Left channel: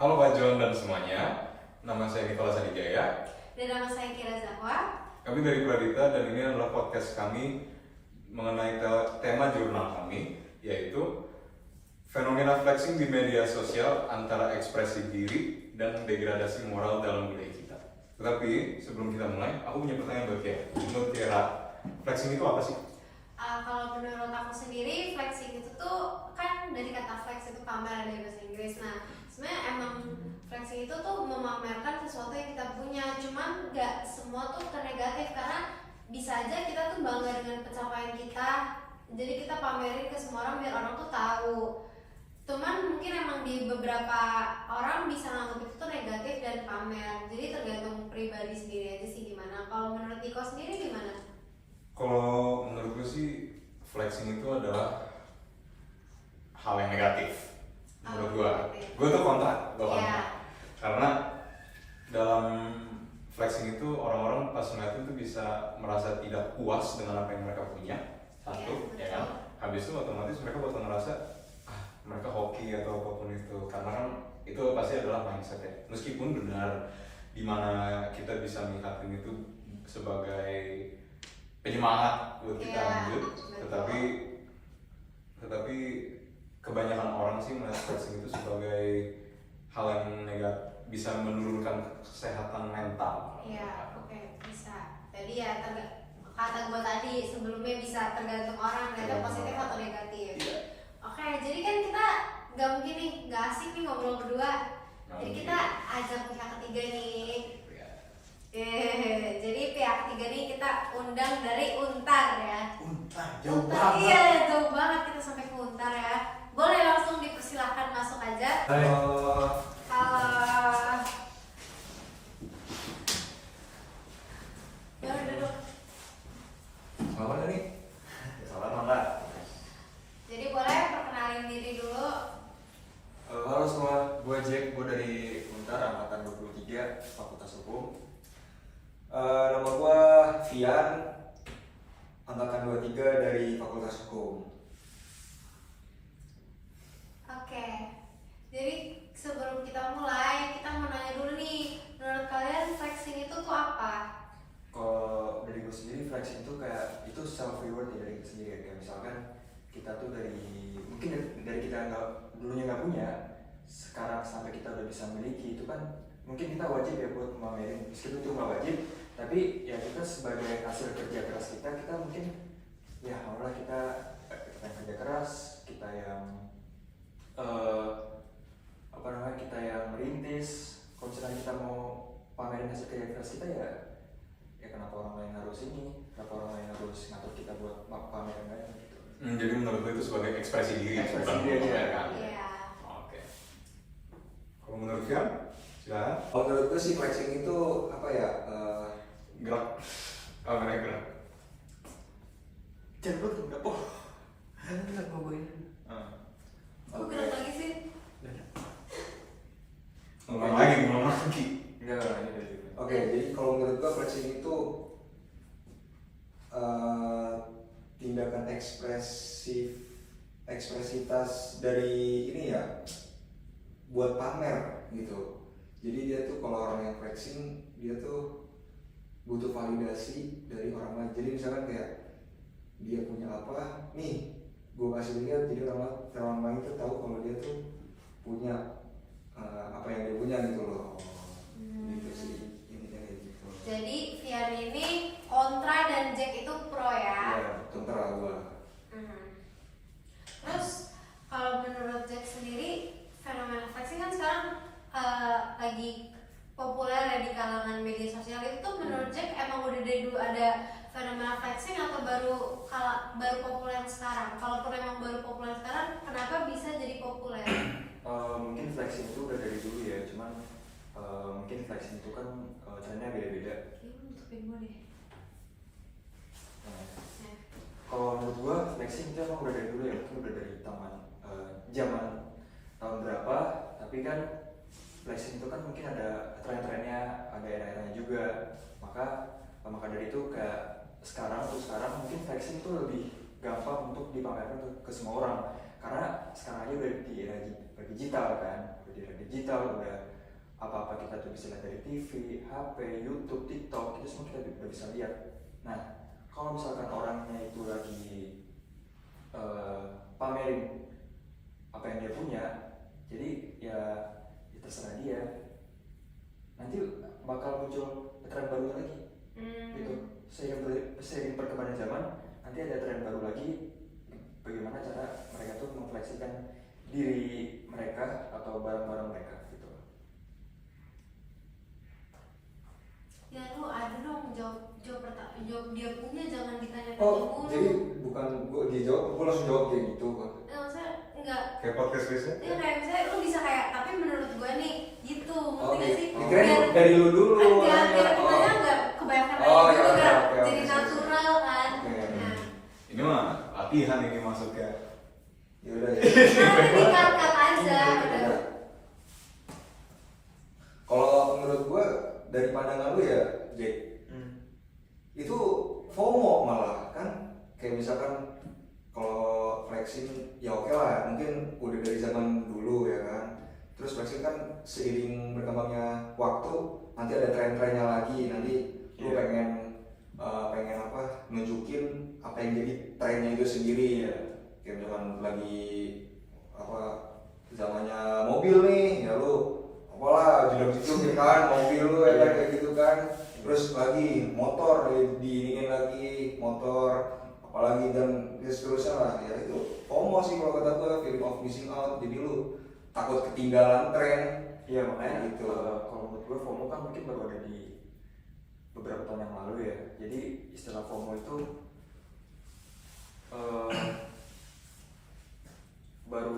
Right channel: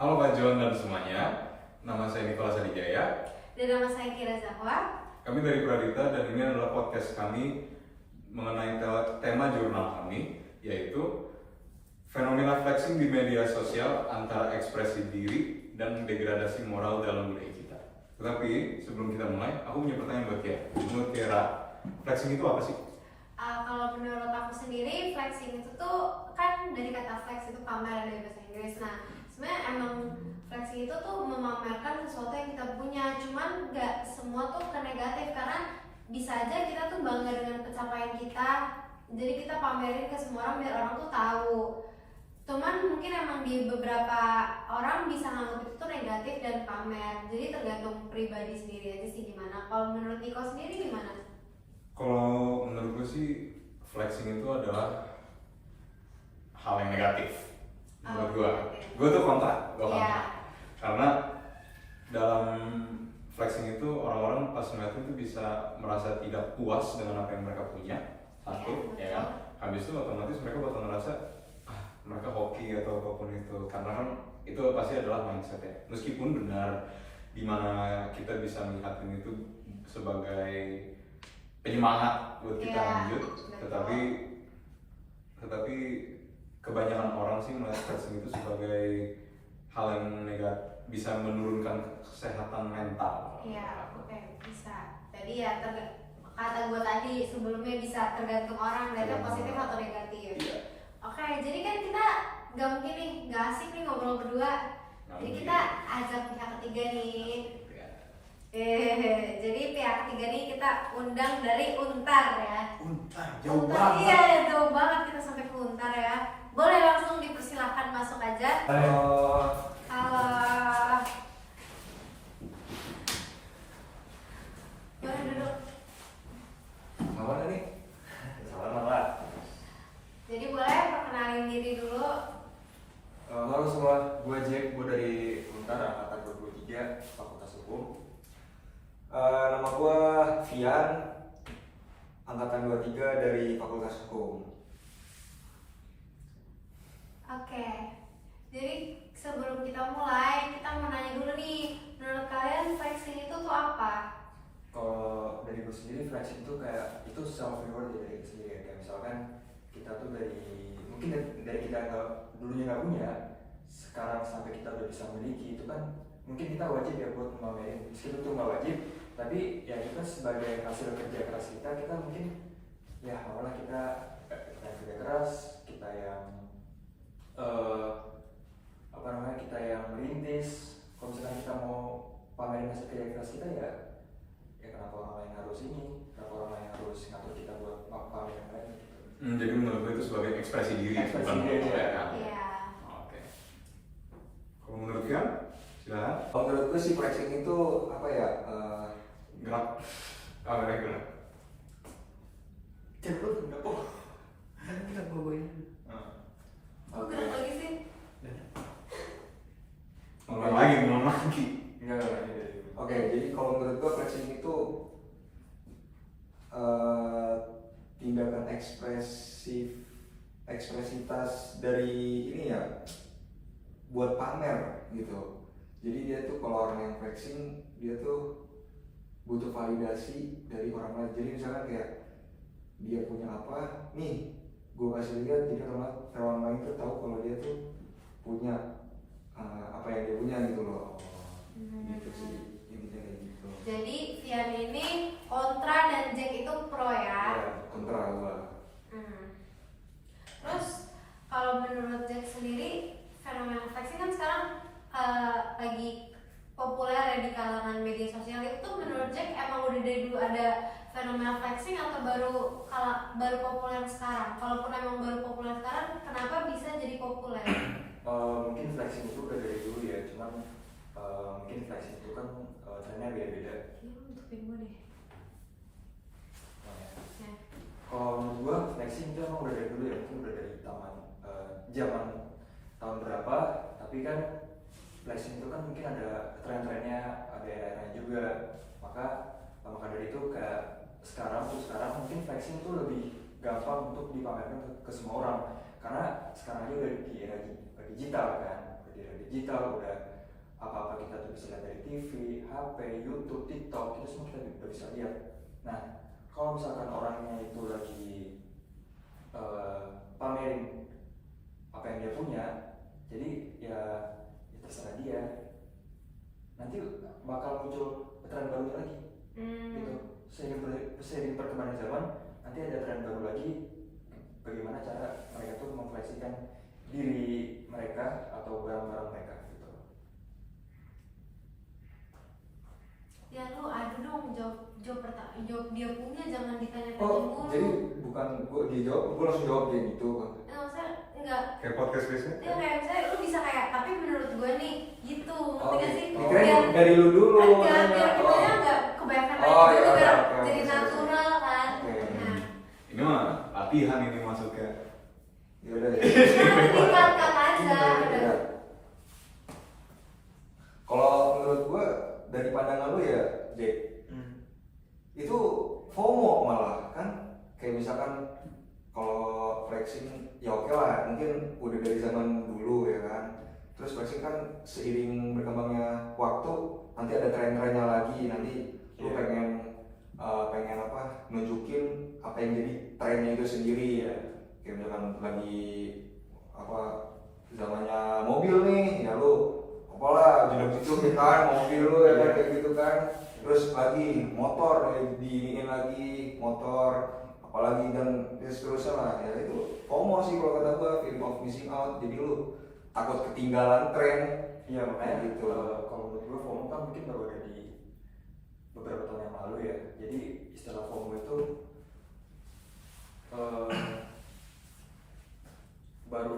Halo Pak John dan semuanya, nama saya Nicholas Adijaya. Dan nama saya Kira Zahwa. Kami dari Pradita dan ini adalah podcast kami mengenai tema jurnal kami, yaitu fenomena flexing di media sosial antara ekspresi diri dan degradasi moral dalam budaya kita. Tetapi sebelum kita mulai, aku punya pertanyaan buat Kira. Menurut Kira, flexing itu apa sih? Kalau menurut aku sendiri, flexing itu tuh kan dari kata flex itu pamer dari bahasa Inggris. Nah, sebenarnya emang flexing itu tuh memamerkan sesuatu yang kita punya. Cuman nggak semua tuh ke negatif, karena bisa aja kita tuh bangga dengan pencapaian kita. Jadi kita pamerin ke semua orang biar orang tuh tahu. Cuman mungkin emang di beberapa orang bisa nganggap itu tuh negatif dan pamer. Jadi tergantung pribadi sendiri aja sih gimana. Kalau menurut Niko sendiri gimana? Kalau menurut gue sih, flexing itu adalah hal yang negatif. Menurut gue tuh kontra. Karena dalam flexing itu orang-orang pas ngeliat itu bisa merasa tidak puas dengan apa yang mereka punya. Satu, ya kan? Habis itu otomatis mereka bakal ngerasa mereka hoki atau apapun itu, karena kan itu pasti adalah mindset ya. Meskipun benar dimana kita bisa melihatnya itu sebagai penyemangat buat kita lanjut, tetapi kebanyakan orang sih melihat flexing itu sebagai hal yang negatif, bisa menurunkan kesehatan mental. Iya, oke, bisa. Jadi ya kata gue tadi sebelumnya bisa tergantung orang lihatnya positif atau negatif. Iya. Oke, jadi kan kita nggak mungkin nih, nggak asik nih ngobrol berdua. Jadi kita ajak pihak ketiga nih. Jadi pihak ketiga nih kita undang dari Untar ya. Untar, jauh banget. Iya, jauh banget kita sampai ke Untar ya. Boleh langsung dipersilahkan masuk aja. Halo. Baru duduk. Mana nih? Salam lah. Jadi boleh perkenalin diri dulu. Halo semua, gue Jack, gue dari Untar, angkatan 23, Fakultas Hukum. Nama gue Fian, angkatan 23 dari Fakultas Hukum. Oke, jadi sebelum kita mulai, kita mau nanya dulu nih, menurut kalian flexing itu tuh apa? Kalau dari gue sendiri, flexing itu kayak, itu self reward ya dari kita sendiri. Kayak misalkan kita tuh mungkin dari kita dulunya nggak punya, sekarang sampai kita udah bisa memiliki, itu kan mungkin kita wajib ya buat memamerin. Meskipun itu nggak wajib, tapi ya kita sebagai hasil kerja keras kita mungkin ya maulah kita yang kerja keras, kita yang kita yang merintis. Kalau misalnya kita mau pamerin hasil kerja keras kita ya kenapa orang lain harus kenapa orang lain harus ngatur kita buat pamerin lagi gitu. Jadi menurut gue itu sebagai ekspresi diri. Iya. Oke. Kalau menurut kalian, silakan. Kalau menurut gue sih flexing itu apa ya? Gerak. Kameranya gerak. Jangan lu dapur. Enggak gue. Kok gerak lagi sih? Ngulang lagi. Enggak ini dari. Oke, jadi kalau menurut gue flexing itu tindakan ekspresitas dari ini ya, buat pamer gitu. Jadi dia tuh kalau orang yang flexing, dia tuh butuh validasi dari orang lain. Jadi misalkan kayak dia punya apa, nih gue kasih lihat, jadi orang lain tuh tahu kalau dia tuh punya apa yang dia punya gitu loh. Gitu sih intinya kayak gitu. Jadi Fian ini kontra dan Jack itu pro ya? Ya, kontra gue. Terus kalau menurut Jack sendiri, fenomena flexing kan sekarang lagi populer ya di kalangan media sosial. Itu tuh menurut Jack emang udah dari dulu ada fenomena flexing atau baru populer sekarang? Kalaupun emang baru populer sekarang, kenapa bisa jadi populer? Mungkin flexing itu udah dari dulu ya, cuman mungkin flexing itu kan trennya beda-beda. Kayaknya nutupin gue deh. Kalau menurut gua flexing itu emang udah dari dulu ya, mungkin udah dari zaman tahun berapa, tapi kan flexing itu kan mungkin ada tren-trennya, ada era-eranya juga. Maka dari itu kayak sekarang mungkin flexing itu lebih gampang untuk dipamerkan ke semua orang, karena sekarang aja udah di era digital kan, di di era digital, udah apa-apa kita tuh bisa lihat dari TV, HP, YouTube, TikTok, itu semua kita udah bisa lihat. Nah, kalau misalkan orangnya itu lagi pamerin apa yang dia punya, jadi ya terserah dia. Nanti bakal muncul tren baru lagi, gitu. Seiring perkembangan zaman, nanti ada tren baru lagi. Bagaimana cara mereka tuh memfleksikan diri mereka atau barang-barang mereka, gitu. Ya lu ada dong jawab dia punya, jangan ditanya Oh, mulu. jadi bukan gue dijawab, gue langsung jawab kayak gitu kan? Maksudnya enggak. Kayak podcast biasa. Ya kayak misalnya lu bisa kayak, tapi menurut gue nih gitu, ngerti gak sih? Dikirain dari lu dulu. Enggak, biar makanya. kitanya enggak kebanyakan Oh, lagi iya, dulu, biar oke, oke, jadi oke. natural kan. Oke. Nah, Ini mah latihan ini masuknya. Ya udah ya. nanti dikat aja. Iya. Kalau menurut gue dari pandangan lu ya, Jack, itu FOMO malah kan, kayak misalkan kalau flexing ya oke lah, mungkin udah dari zaman dulu ya kan. Terus flexing kan seiring berkembangnya waktu, nanti ada tren-trennya lagi, nanti lu pengen apa, nunjukin apa yang jadi trennya itu sendiri ya. Kayak misalkan lagi apa zamannya mobil nih, ya lu apalah jeduk-jeduk kan mobil lu ya kayak gitu kan. Terus lagi motor diingin lagi motor, apalagi dan seterusnya lah. Ya itu FOMO sih kalau kata gua, feeling of missing out. Jadi lu takut ketinggalan tren. Iya, makanya gitu. kalau menurut gue FOMO kan mungkin baru ada di beberapa tahun yang lalu ya. Jadi istilah FOMO itu baru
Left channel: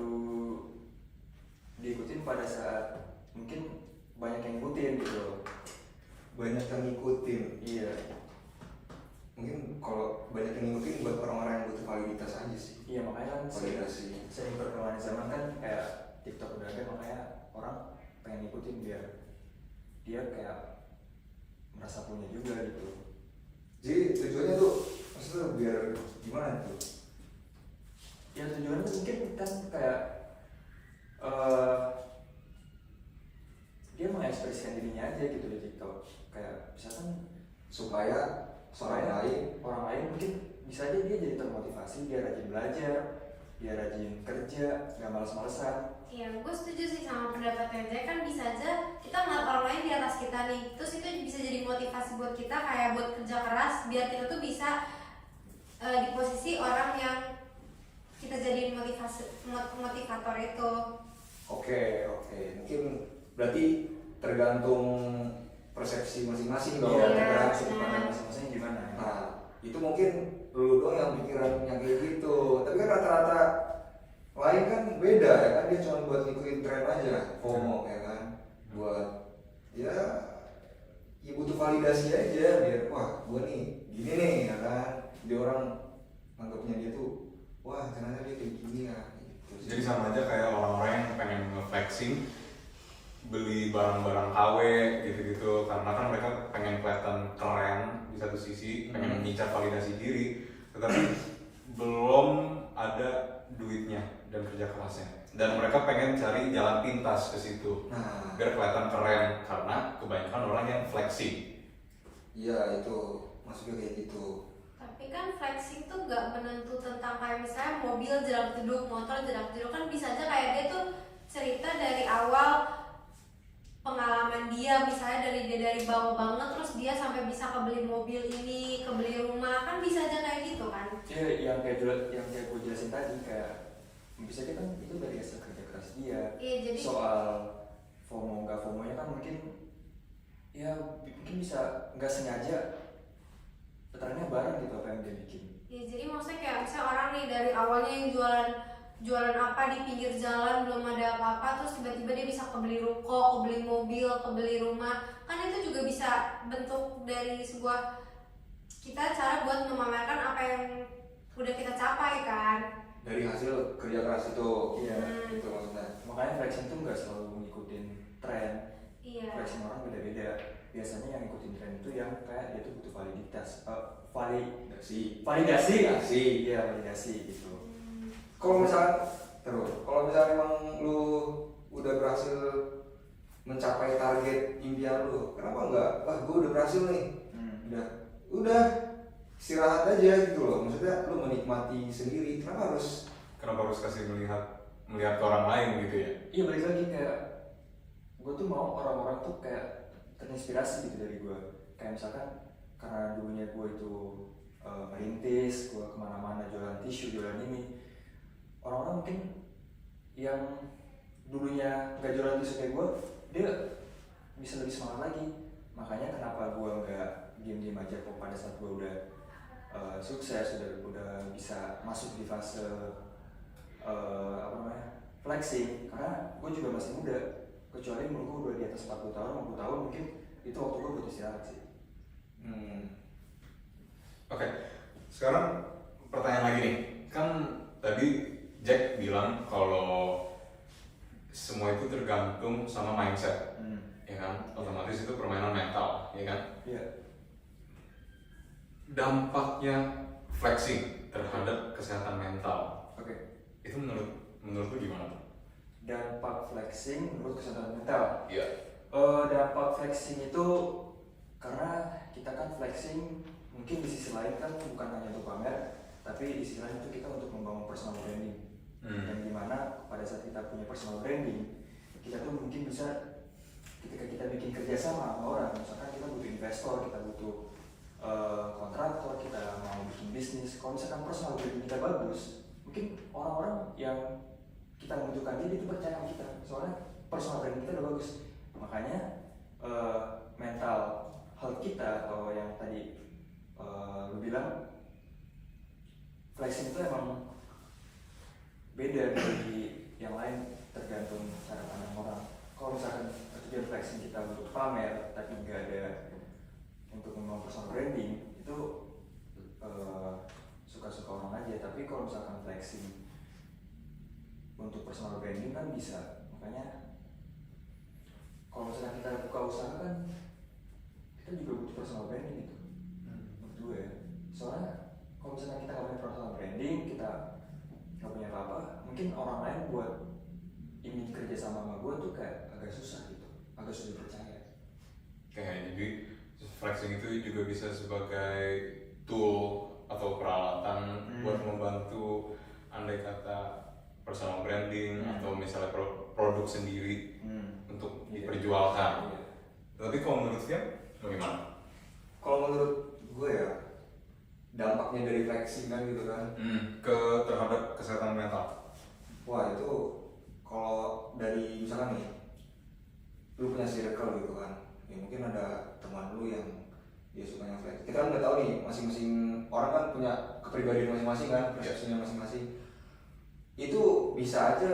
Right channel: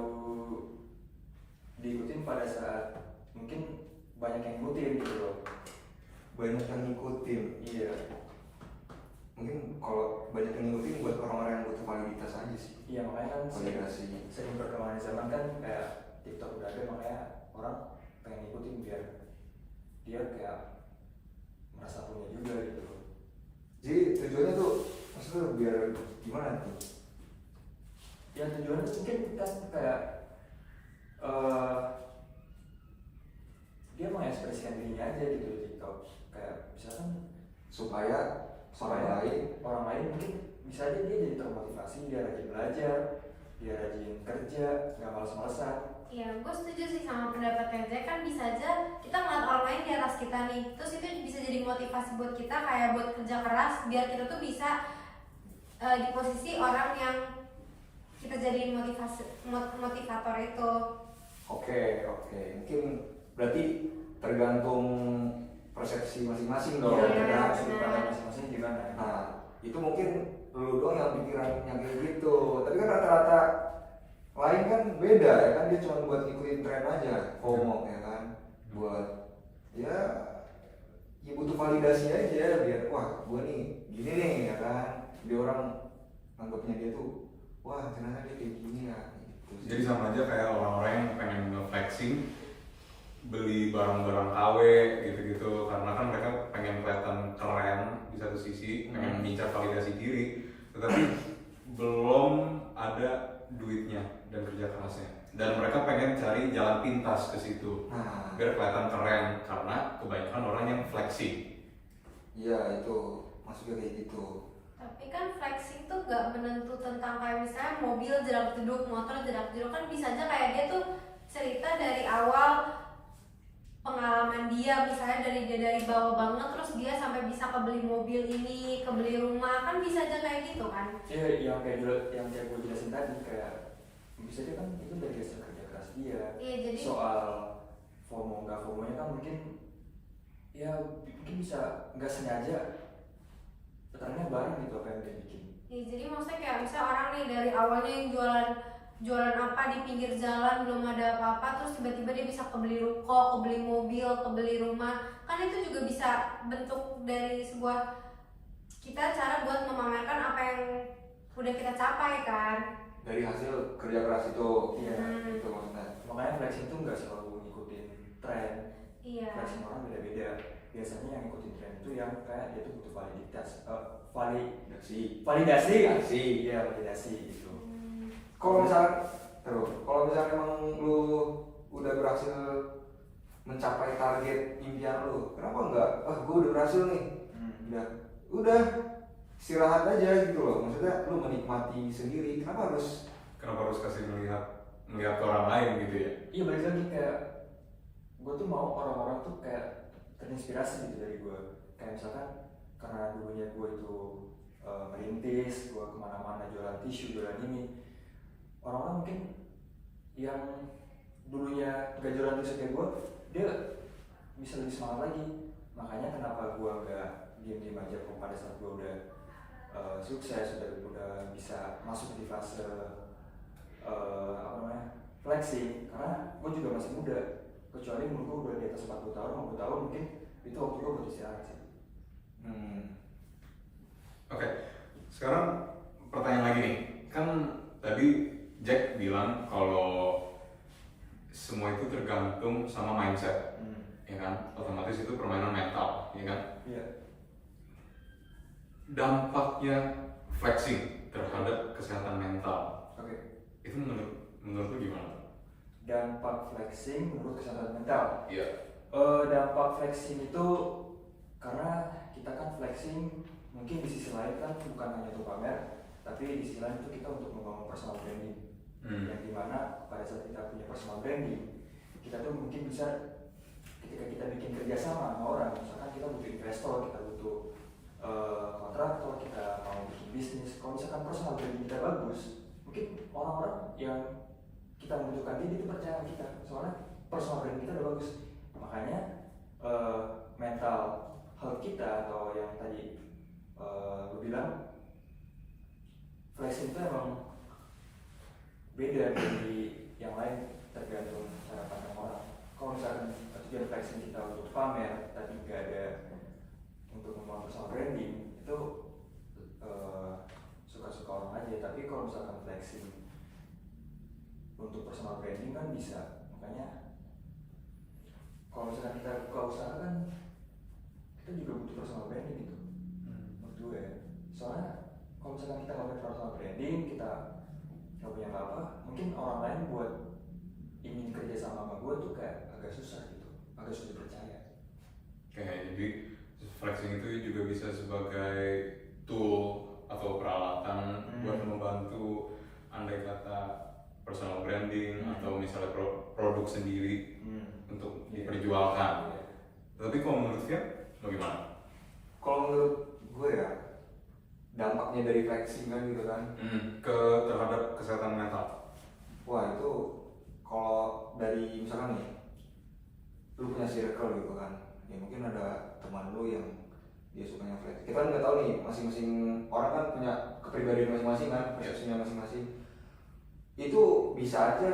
diikutin pada saat mungkin banyak yang ngikutin gitu loh. Banyak yang ngikutin. Iya. Mungkin kalau banyak yang ngikutin buat orang-orang yang butuh validitas aja sih. Iya, makanya kan Validasi. sering perkembangan zaman kan kayak TikTok udah ada, makanya orang pengen ngikutin biar dia kayak merasa punya juga gitu. Jadi tujuannya tuh maksudnya biar gimana tuh? Ya tujuannya mungkin kan kayak dia mengekspresikan dirinya aja gitu di TikTok. Kayak misalkan Supaya orang lain mungkin bisa aja dia jadi termotivasi, dia rajin belajar, dia rajin kerja, nggak males-malesan. Iya, gue setuju sih sama pendapatnya Jack. Kan bisa aja kita ngeliat orang lain di atas kita nih, terus itu bisa jadi motivasi buat kita, kayak buat kerja keras biar kita tuh bisa di posisi orang yang kita jadiin motivator itu. Oke. Mungkin berarti tergantung persepsi masing-masing dong. Iya, Iya, ada benar. sudut pandang masing-masing gimana ya. Nah, itu mungkin lu doang yang pikiran yang kayak gitu. Tapi kan rata-rata lain kan beda ya kan, dia cuma buat ngikutin tren aja, FOMO ya kan. Buat ya butuh validasi aja biar wah gua nih gini nih ya kan. Dia orang anggapnya dia tuh wah ternyata dia kayak gini ya gitu. Jadi sama aja kayak orang-orang yang pengen nge-flexing beli barang-barang KW gitu-gitu, karena kan mereka pengen kelihatan keren di satu sisi, pengen mengincar validasi diri, tetapi belum ada duitnya dan kerja kerasnya, dan mereka pengen cari jalan pintas ke situ Nah, biar kelihatan keren, karena kebanyakan orang yang flexing. iya itu maksudnya kayak gitu. Tapi kan flexing tuh gak menentu tentang kayak misalnya mobil jerak-jeduk, motor jerak-jeduk. Kan bisa aja kayak dia tuh cerita dari awal pengalaman dia, misalnya dia dari bawah banget terus dia sampai bisa kebeli mobil ini, kebeli rumah, kan bisa aja kayak gitu kan. Ya yang kayak gue jelasin tadi, kayak bisa dia kan itu dari hasil kerja keras dia. Iya, jadi Soal FOMO nggak FOMO-nya kan mungkin bisa nggak sengaja trennya bareng gitu apa yang dia bikin. ya, jadi maksudnya kayak misalnya orang nih dari awalnya yang jualan apa di pinggir jalan, belum ada apa-apa, terus tiba-tiba dia bisa kebeli ruko, kebeli mobil, kebeli rumah. Kan itu juga bisa bentuk dari sebuah kita cara buat memamerkan apa yang udah kita capai kan. Dari hasil kerja keras itu. Iya. Itu maksudnya. Makanya flexing tuh nggak selalu ngikutin tren. Iya. Flexing orang beda-beda. Biasanya yang ngikutin tren itu yang kayak dia tuh butuh validasi. Iya, validasi gitu. Kalau misalnya emang lu udah berhasil mencapai target impian lu, kenapa enggak, gue udah berhasil nih, udah istirahat aja gitu loh, maksudnya lu menikmati sendiri, kenapa harus kasih melihat ke orang lain gitu ya? Iya, balik lagi kayak gue tuh mau orang-orang tuh kayak terinspirasi gitu dari gue. Kayak misalkan karena dulunya gue itu merintis, gue kemana-mana jualan tisu, jualan ini, orang-orang mungkin yang dulunya gak jualan tisu kayak gue, dia bisa lebih semangat lagi. Makanya kenapa gue gak diam-diam aja kok pada saat gue udah sukses, udah bisa masuk di fase flexing, karena gue juga masih muda, kecuali menurut gue udah di atas 40 tahun, 50 tahun mungkin itu waktu gue buat istirahat sih. Oke, sekarang pertanyaan lagi nih, kan tadi Jack bilang kalau semua itu tergantung sama mindset, ya kan? Otomatis itu permainan mental, ya kan? Iya. Dampaknya flexing terhadap kesehatan mental, itu menurut lu gimana? Dampak flexing menurut kesehatan mental. Iya. Dampak flexing itu karena kita kan flexing mungkin di sisi lain kan bukan hanya untuk pamer, tapi di sisi lain itu kita untuk membangun personal branding. Yang dimana pada saat kita punya personal branding, kita tuh mungkin bisa ketika kita bikin kerjasama sama orang, misalkan kita butuh investor, kita butuh kontraktor, kita mau bikin bisnis, kalau misalkan personal branding kita bagus, mungkin orang-orang yang kita membutuhkan dia itu percaya sama kita, soalnya personal branding kita udah bagus. Makanya mental health kita, atau yang tadi lu bilang flexing itu emang beda dari yang lain, tergantung cara pandang orang. Kalau misalkan tujuan flexing kita untuk pamer tapi nggak ada untuk membangun personal branding, itu suka-suka orang aja. Tapi kalau misalkan flexing untuk personal branding kan bisa. Makanya kalau misalkan kita buka usaha kan kita juga butuh personal branding gitu, menurut gue ya. Soalnya kalau misalkan kita nggak punya personal branding, kita nggak punya apa-apa, mungkin orang lain buat ingin kerja sama gue tuh kayak agak susah gitu, agak sulit percaya. Jadi flexing itu juga bisa sebagai tool atau peralatan buat membantu andai kata personal branding atau misalnya produk sendiri untuk diperjualkan. Tapi kalau menurut dia bagaimana? Kalau menurut gue ya, dampaknya dari flexing kan gitu kan, terhadap kesehatan mental. Wah itu kalau dari misalkan nih, lu punya circle gitu kan, ya mungkin ada teman lu yang dia sukanya flexing. Kita kan nggak tahu nih, masing-masing orang kan punya kepribadian masing-masing kan, persepsinya masing-masing. Itu bisa aja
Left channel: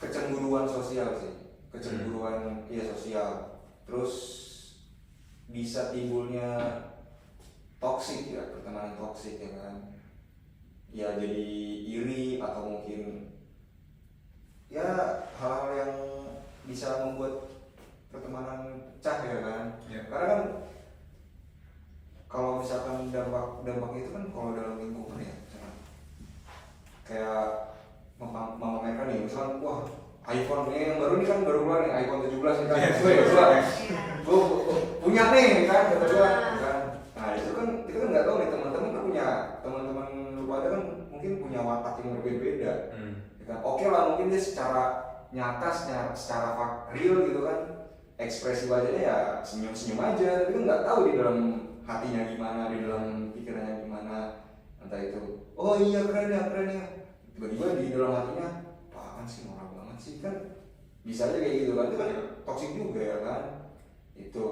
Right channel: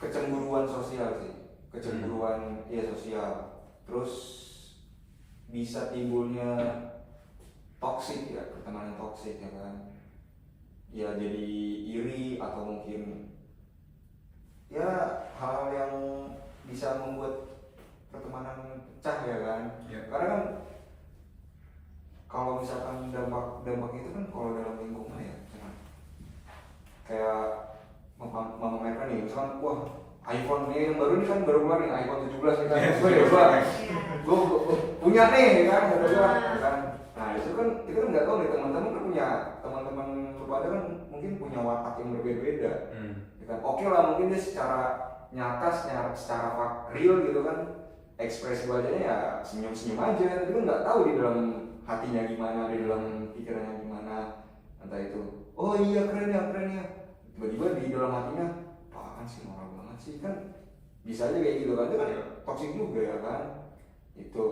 kecemburuan sosial sih, kecemburuan sosial. Terus bisa timbulnya toksik ya, pertemanan toksik ya kan. Ya jadi iri atau mungkin ya hal-hal yang bisa membuat pertemanan pecah ya kan. Karena kan kalau misalkan dampak itu kan kalau dalam lingkungan ya, kayak memamerkan ya, misalkan wah iPhone nih yang baru kan baru keluar nih, iPhone 17 nih kan, gue punya nih kan, kan. Nah itu kan kita kan nggak tahu nih, teman-teman kan punya, teman-teman lu pada kan mungkin punya watak yang berbeda-beda. Kan oke lah, mungkin dia secara nyata, secara real gitu kan, ekspresi wajahnya ya senyum-senyum aja, tapi kan nggak tahu di dalam hatinya gimana, di dalam pikirannya gimana. Entah itu, oh iya keren ya, tiba-tiba di dalam hatinya, apaan sih, norak banget sih, kan bisa aja kayak gitu kan, itu kan toxic juga ya kan. Itu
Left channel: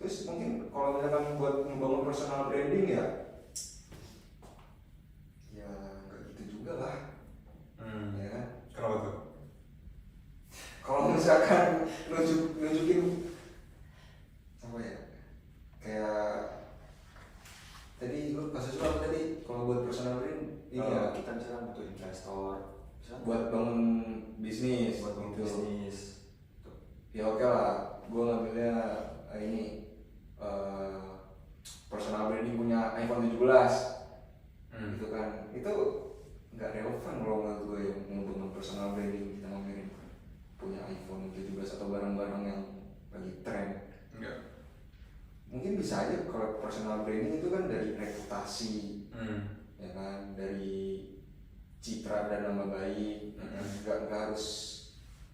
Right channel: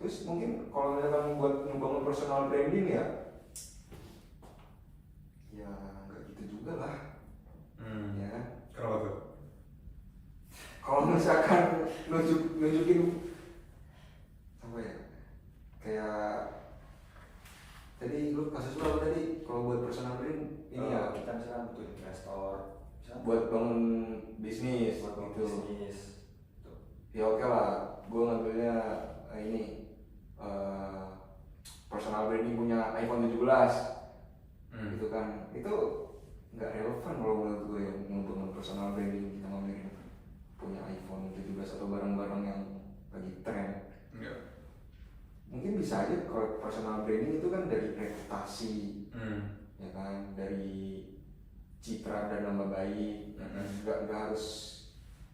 terus mungkin kalau misalkan buat membangun personal branding ya nggak gitu juga lah. Ya kan? Kenapa tuh? Kalau misalkan nunjukin apa ya, kayak tadi lu kasus lu apa tadi, kalau buat personal brand ini ya kita misalkan butuh investor buat bangun bisnis, buat bangun gitu. bisnis. Ya oke lah, gue ngambilnya ini personal branding punya iPhone 17 gitu kan, itu nggak relevan kalau menurut gue ya, untuk personal branding kita ngomongin. punya iPhone 17 atau barang-barang yang lagi tren. Enggak. Mungkin bisa aja kalau personal branding itu kan dari reputasi, ya kan, dari citra dan nama baik, ya kan? Nggak harus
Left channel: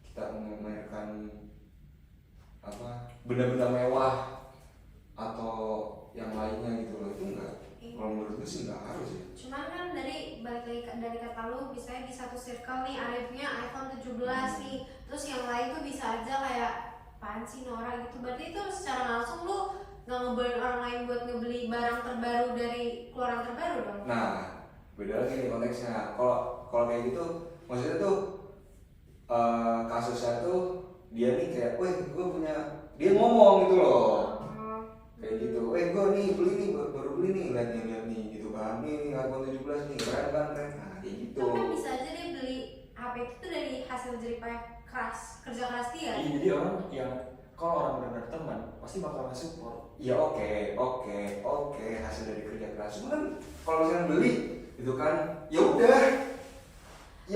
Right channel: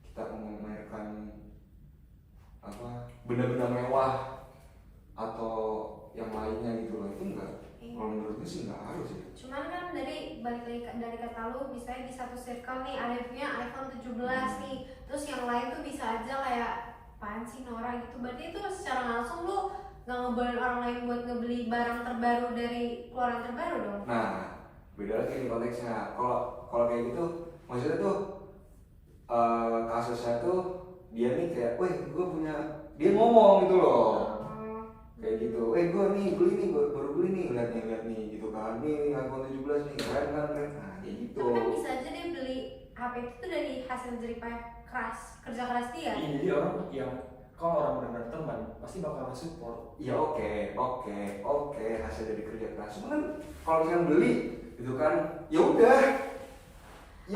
kita memamerkan apa benda-benda mewah atau yang lainnya gitu loh, itu enggak. Kalau menurut gue sih nggak harus ya. Cuman kan dari balik lagi dari kata lu, misalnya di satu circle nih ada yang punya iPhone 17 nih, terus yang lain tuh bisa aja kayak apaan sih Nora gitu. Berarti itu secara langsung lu nggak ngebawain orang lain buat ngebeli barang terbaru dari keluaran terbaru dong. Nah, beda lagi nih konteksnya. Kalau kayak gitu, maksudnya tuh kasusnya tuh dia nih kayak, weh gue punya, dia ngomong gitu loh, kayak gitu, gue nih beli nih, baru beli nih, lihat nih gitu kan, nih iPhone 17 nih, keren kan, nah kayak gitu. Tapi kan bisa aja dia beli HP itu dari hasil jeripaya kerja keras dia. Iya, jadi orang yang kalau orang benar-benar teman pasti bakal nge-support. Ya oke, hasil dari kerja keras. Cuma kan kalau misalnya beli gitu kan, ya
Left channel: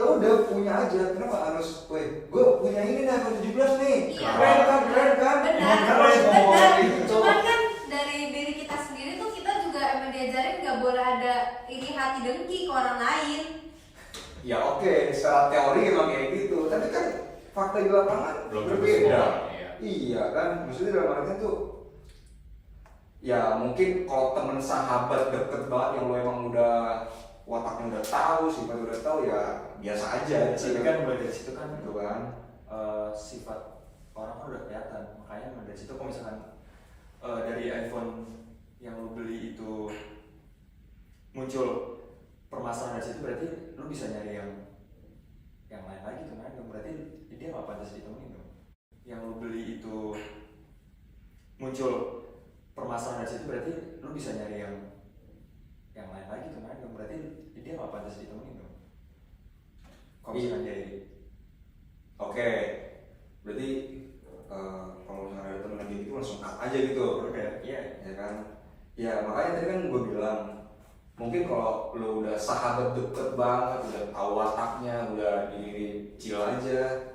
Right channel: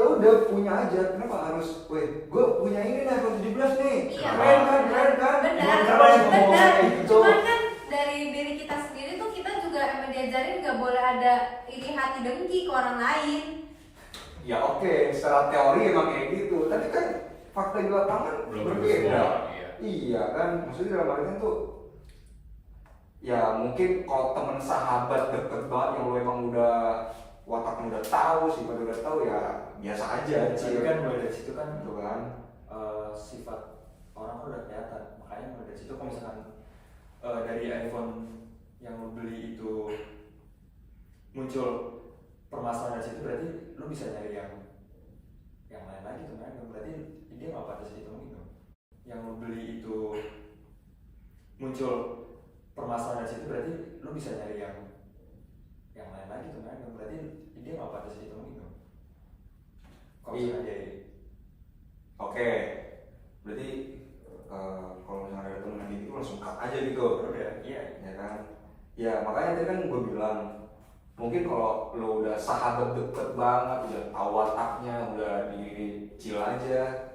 udah punya aja. Kenapa harus, weh gue punya ini nih iPhone 17 nih, Iya. keren kan? Benar. Kayak gitu. Cuman kan dari diri kita sendiri tuh kita juga emang diajarin nggak boleh ada iri hati dengki ke orang lain. Ya oke, secara teori emang kayak gitu. Tapi kan fakta di lapangan Belum berbeda. semua, iya. Iya kan, maksudnya dalam artian tuh, ya mungkin kalau temen sahabat deket banget yang lo emang udah wataknya udah tahu, sifatnya udah tahu, ya biasa aja. Jadi kan mulai dari situ kan Gitu kan. sifat orang kan udah kelihatan. Makanya mulai dari situ kalau misalkan dari iPhone yang lo beli itu muncul permasalahan dari situ, berarti lo bisa nyari yang lain lagi tuh kan, berarti dia nggak pantas ditemuin tuh. Yang lo beli itu muncul permasalahan dari situ, berarti lo bisa nyari yang lain lagi tuh kan, berarti dia nggak pantas ditemuin tuh. Kalau misalkan dia Oke, berarti kalau misalnya ada temen yang gitu langsung cut aja gitu. oke, iya. Ya kan, ya makanya tadi kan gue bilang, mungkin kalau lo udah sahabat deket banget, udah tahu wataknya, udah dicil aja,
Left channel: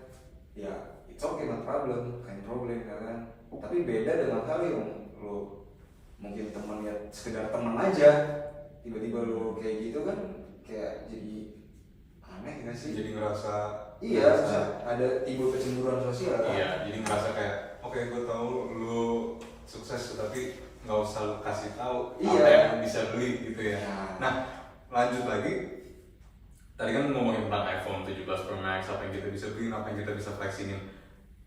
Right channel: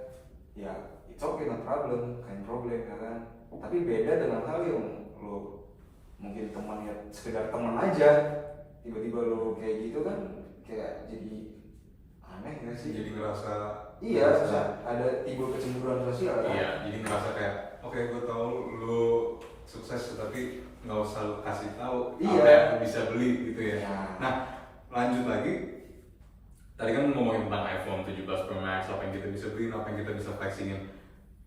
ya it's okay, no problem, ya kan. Tapi beda dengan hal yang lo mungkin teman ya sekedar teman aja, tiba-tiba lo kayak gitu kan, kayak jadi aneh nggak sih? Jadi ngerasa Iya, ada timbul kecemburuan sosial kan? Iya, jadi ngerasa kayak oke, gue tahu lu sukses tapi nggak usah lu kasih tahu Iya. apa yang lu bisa beli gitu ya. Ya. Nah, lanjut lagi. Tadi kan ngomongin tentang iPhone 17 Pro Max, apa yang kita bisa beli, apa yang kita bisa flexingin.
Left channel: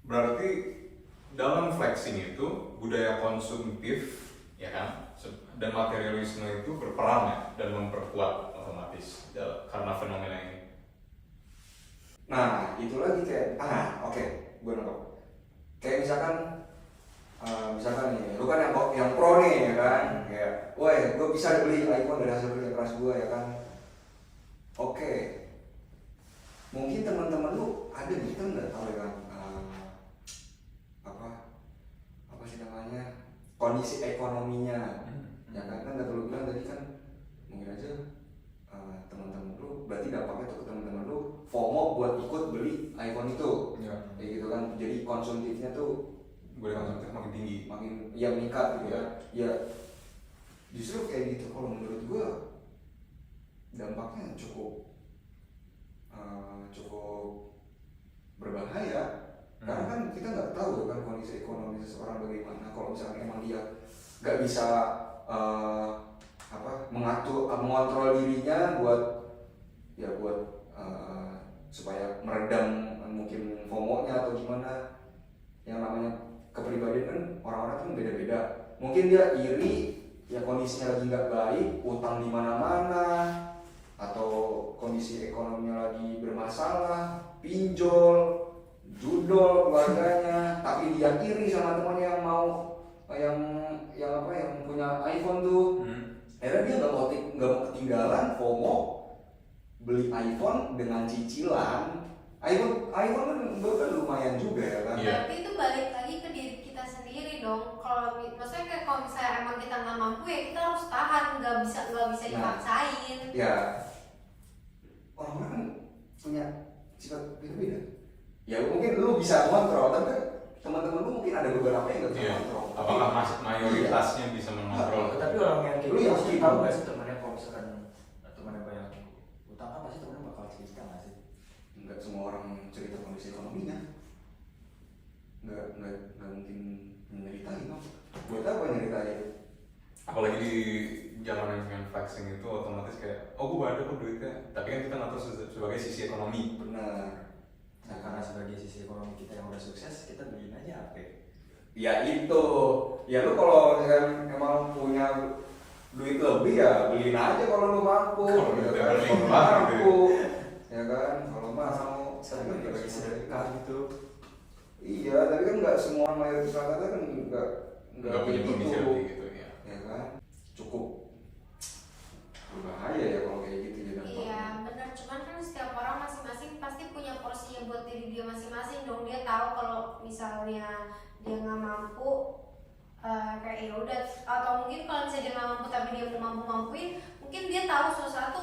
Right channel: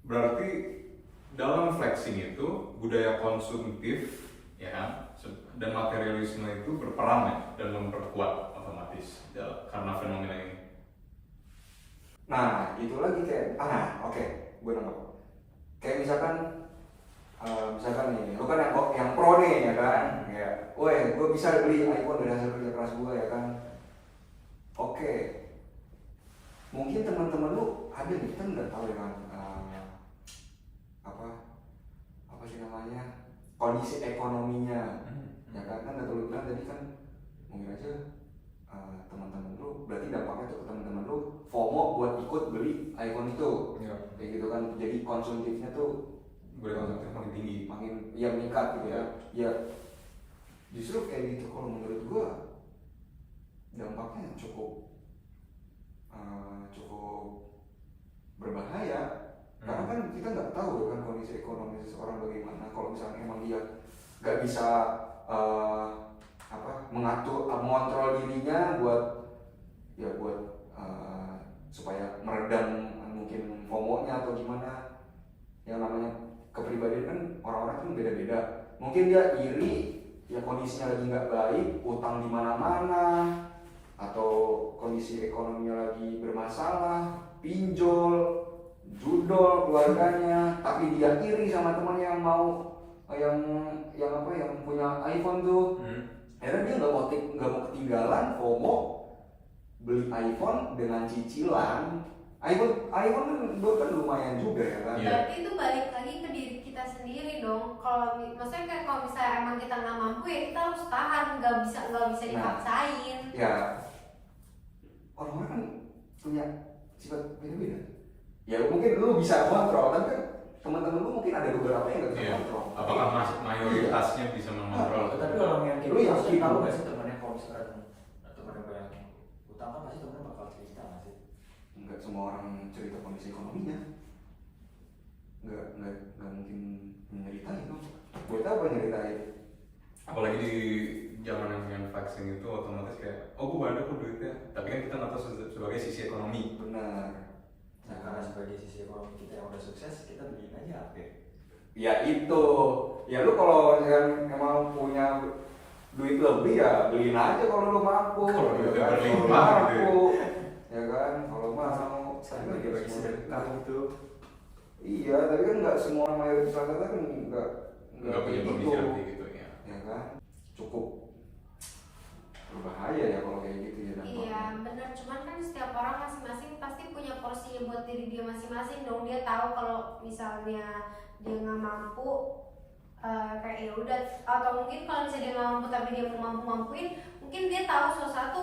Berarti dalam flexing itu budaya konsumtif, ya kan, dan materialisme itu berperan ya dan memperkuat otomatis karena fenomena ini. Nah, itu lagi kayak, oke, gue nangkep. Kayak misalkan nih, lu kan yang pro nih ya kan, kayak, woi, gue bisa beli iPhone dari hasil kerja keras gue ya kan. Oke, mungkin teman-teman lu ada nih, kita nggak tahu ya kan, apa sih namanya, kondisi ekonominya, ya kan nggak perlu bilang tadi kan, mungkin aja teman-teman lu, berarti dampaknya tuh ke teman-teman lu FOMO buat ikut beli iPhone itu, Ya. kayak gitu kan, jadi konsumtifnya tuh Budaya konsumtif makin tinggi. makin ya meningkat gitu ya. Ya justru kayak gitu kalau menurut gua dampaknya cukup berbahaya, karena kan kita nggak tahu kan kondisi ekonomi seseorang bagaimana. Kalau misalnya emang dia nggak bisa mengontrol dirinya buat supaya meredam mungkin FOMO-nya atau gimana. Yang namanya kepribadian kan orang-orang kan beda-beda. Mungkin dia iri, ya kondisinya lagi nggak baik, utang di mana-mana, atau kondisi ekonominya lagi bermasalah, pinjol, judol keluarganya, tapi dia iri sama temannya yang punya iPhone tuh. Akhirnya dia nggak mau ketinggalan FOMO beli iPhone dengan cicilan. iPhone kan lumayan juga ya kan. Iya. Berarti itu balik lagi ke diri kita sendiri dong. Maksudnya kayak kalau misalnya emang kita nggak mampu ya kita harus tahan, nggak bisa dipaksain. Ya, orang-orang kan punya sifat beda-beda. Ya mungkin lu bisa kontrol, tapi kan teman-teman lu mungkin ada beberapa yang nggak bisa Iya. kontrol. Apakah mayoritasnya bisa mengontrol? Tapi orang yang kayak Lu gitu yakin tahu lu? nggak sih temennya kalau misalkan temennya banyak utang apa sih temennya bakal cerita nggak sih? Nggak semua orang cerita kondisi ekonominya. Nggak mungkin nyeritain. Buat apa nyeritain? Apalagi di zaman yang dengan flexing itu otomatis kayak, oh gue ada kok duitnya, tapi kan kita nggak tahu sebagai sisi ekonomi. Benar. Nah karena sebagai sisi ekonomi kita yang udah sukses, kita beliin aja HP. Ya itu, ya lu kalau misalnya emang punya duit lebih ya beliin aja kalau lu mampu. Kalau ya duitnya kan? Kalau berlimpah, mampu, ya kan? Kalau mau. Tapi Tapi kayak bagi sedekah gitu. iya, tapi kan nggak semua mayoritas rakyat kan nggak Nggak punya kayak kondisi lebih gitu ya. ya kan? Cukup berbahaya ya kalau kayak gitu ya dampaknya. Iya benar, cuman kan setiap orang masing-masing pasti punya porsinya buat diri dia masing-masing dong. Dia tahu kalau misalnya dia nggak mampu, kayak ya udah, atau mungkin kalau misalnya dia nggak mampu tapi dia mau mampu-mampuin, mungkin dia tahu sesuatu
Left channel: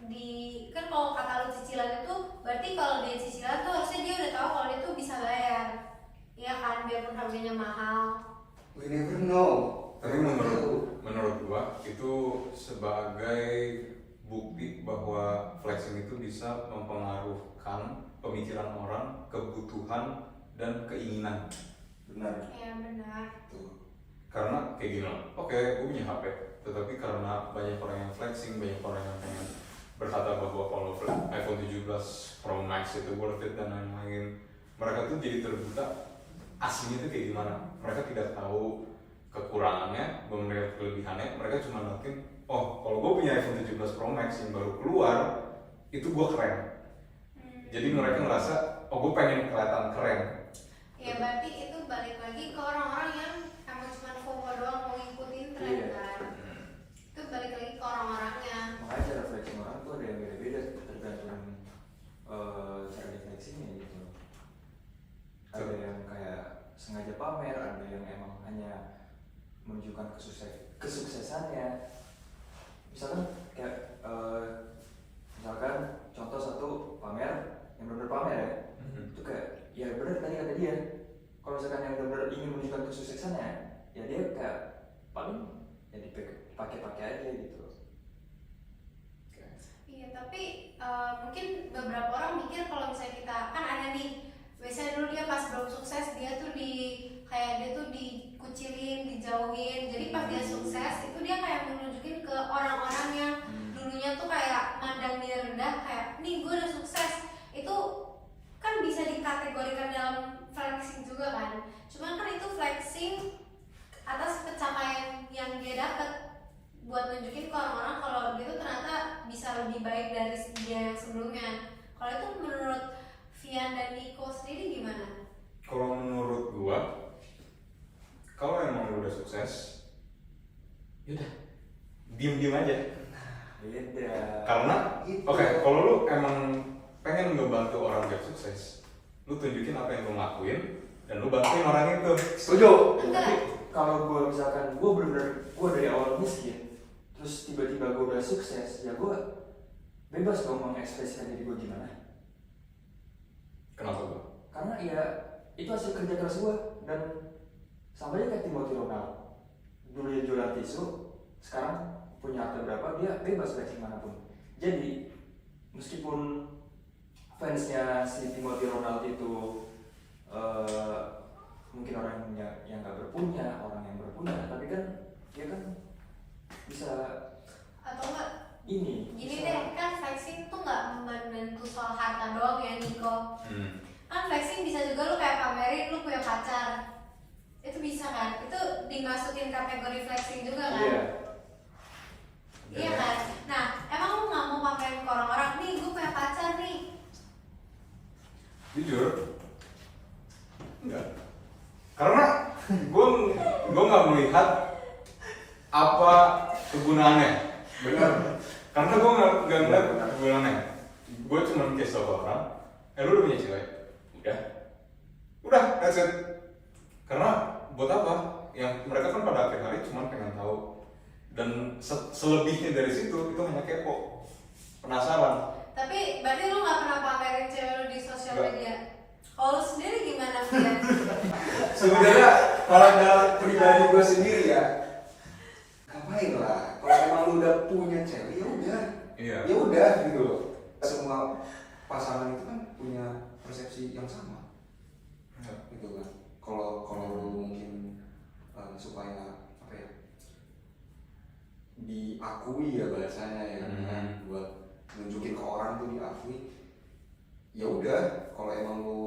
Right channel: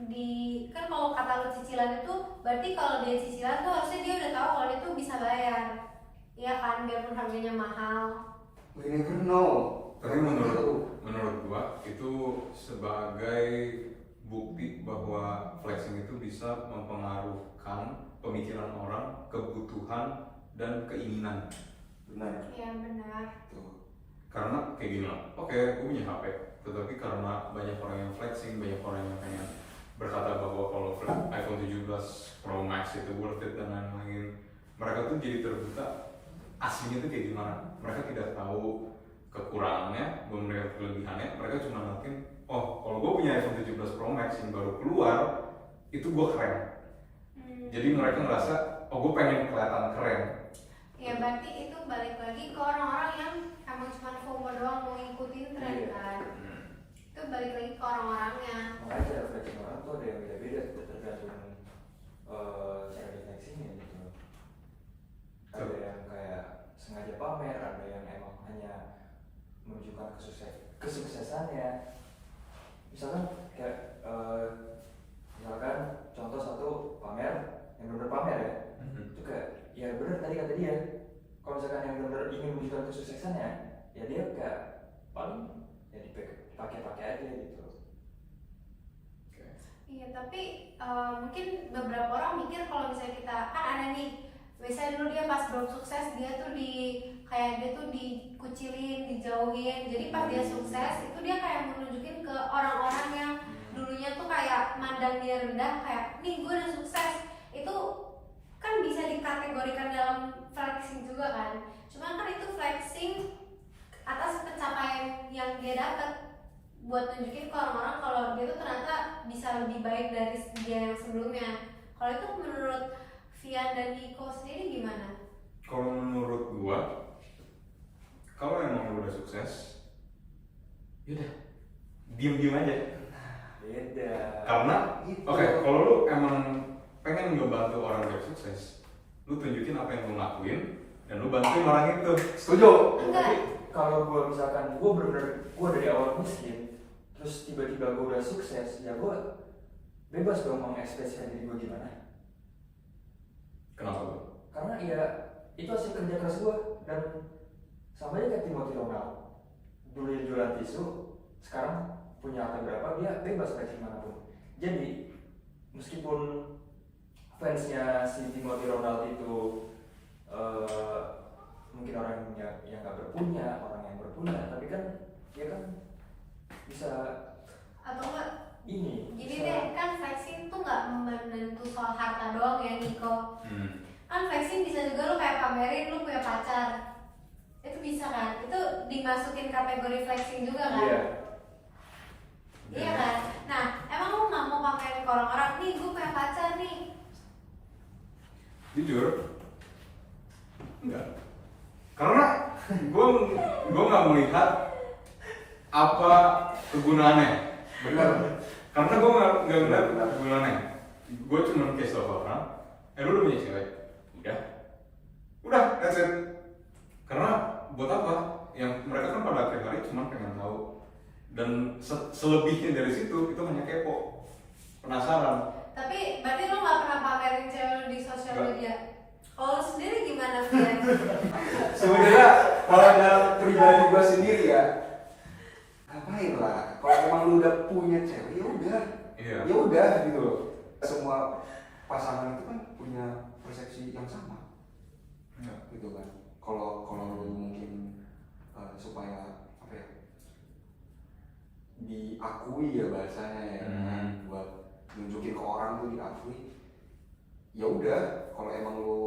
di, kan kalau kata lu cicilan itu berarti kalau dia cicilan tuh harusnya dia udah tahu kalau dia tuh bisa bayar, iya kan, biarpun harganya mahal. We never know. Tapi menurut gua itu sebagai bukti bahwa flexing itu bisa mempengaruhkan pemikiran orang, kebutuhan dan keinginan. Benar. Iya benar. Tuh. Karena kayak gini loh, oke gue punya HP, tetapi karena banyak orang yang flexing, banyak orang yang pengen berkata bahwa kalau iPhone 17 Pro Max itu worth it dan lain-lain, mereka tuh jadi terbuka aslinya tuh kayak gimana. Mereka tidak tahu kekurangannya, belum melihat kelebihannya. Mereka cuma ngeliatin, oh kalau gue punya iPhone 17 Pro Max yang baru keluar, itu gue keren. Jadi mereka ngerasa, oh gue pengen kelihatan keren. Ya berarti itu balik lagi ke orang-orang yang emang cuma FOMO doang mau ngikutin tren Iya. kan. Itu balik lagi ke orang-orangnya. Makanya cara flexing orang tuh ada yang beda-beda tergantung cara flexingnya gitu. Ada yang kayak sengaja pamer, ada yang emang hanya menunjukkan kesuksesannya. Misalkan kayak misalkan contoh satu pamer yang benar pamer ya, itu kayak ya benar tadi kata dia. Kalau misalkan yang benar ingin menunjukkan kesuksesannya, ya dia kayak paling ya dipakai-pakai aja gitu. Iya tapi mungkin beberapa orang mikir kalau misalnya kita kan ada nih, biasanya dulu dia pas belum sukses dia tuh kayak dia tuh dikucilin, dijauhin. Jadi pas dia sukses itu dia kayak menunjukin ke orang-orang yang dulunya tuh kayak mandang dia rendah, kayak nih gue udah sukses. Itu kan bisa dikategorikan dalam flexing juga kan. Cuman kan itu flexing atas pencapaian yang dia dapat, buat nunjukin ke orang-orang kalau dia tuh ternyata bisa lebih baik dari dia yang sebelumnya. Kalau itu menurut Vian dan Niko sendiri gimana? Kalau menurut gua, kalau emang lu udah sukses, yaudah diem aja. Beda. Karena Gitu. oke, kalau lu emang pengen ngebantu orang biar sukses, lu tunjukin apa yang lu lakuin dan lu bantuin orang itu. Setuju. Enggak. Kalau gue misalkan gue bener-bener gue dari awal miskin, terus tiba-tiba gue udah sukses, ya gue bebas dong mengekspresikan diri gue gimana. Kenapa gua? Karena ya itu hasil kerja keras gue, dan sama aja kayak Timothy Ronaldo. Dulu dia jualan tisu, sekarang punya akte berapa, dia bebas flexing manapun. Jadi meskipun fansnya si Timothy Ronaldo itu mungkin orang yang nggak berpunya, orang yang berpunya, tapi kan dia kan bisa Atau enggak ini. gini bisa, deh, kan flexing tuh nggak menentu soal harta doang ya Niko. Kan flexing bisa juga lu kayak pamerin lu punya pacar, itu bisa kan, itu dimasukin kategori flexing juga kan. Iya. Iya kan. Nah emang lu nggak mau pamerin ke orang-orang nih gue punya pacar nih? Jujur, enggak. Karena gua nggak melihat apa kegunaannya. Benar. Karena gua nggak ngeliat kegunaannya. Gua cuma kasih tau ke orang, lu udah punya cewek, udah, that's it. Karena buat apa? Yang mereka kan pada akhir hari cuma pengen tahu, dan selebihnya dari situ itu hanya kepo, penasaran. Tapi berarti lu nggak pernah pamerin cewek lu di sosial Nggak. media? Kalau lu sendiri gimana Fian? Sebenarnya kalau dalam pribadi gue sendiri ya, ngapain lah? Kalau emang lu udah punya cewek, ya udah, Iya. ya udah gitu loh. Semua pasangan itu kan punya persepsi yang sama, Iya. gitu kan. Kalau lu mungkin supaya apa ya, diakui ya bahasanya ya, kan? Buat nunjukin ke orang tuh diakui. Ya udah, kalau emang lu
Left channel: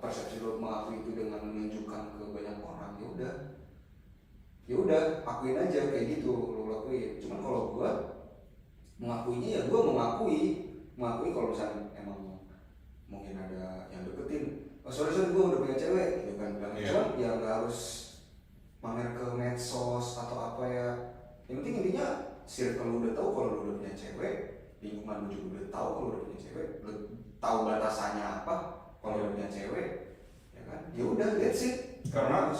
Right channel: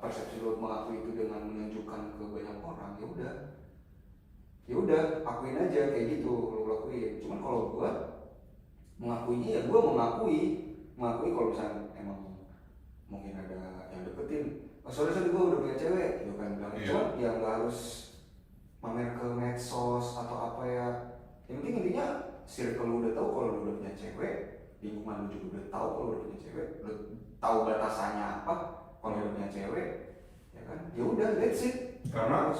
persepsi lu mengakui itu dengan menunjukkan ke banyak orang, ya udah akuin aja kayak gitu, lu lakuin. Cuman kalau gua mengakuinya ya gua mengakui kalau misalnya emang mungkin ada yang deketin, oh sorry gua udah punya cewek gitu kan, cuman ya nggak harus mamer ke medsos atau apa ya. Yang penting intinya circle lu udah tahu kalau lu udah punya cewek, lingkungan lu juga udah tahu kalau lu udah punya cewek, lu tahu batasannya apa kalau udah punya cewek, ya kan? Ya udah, that's it. Karena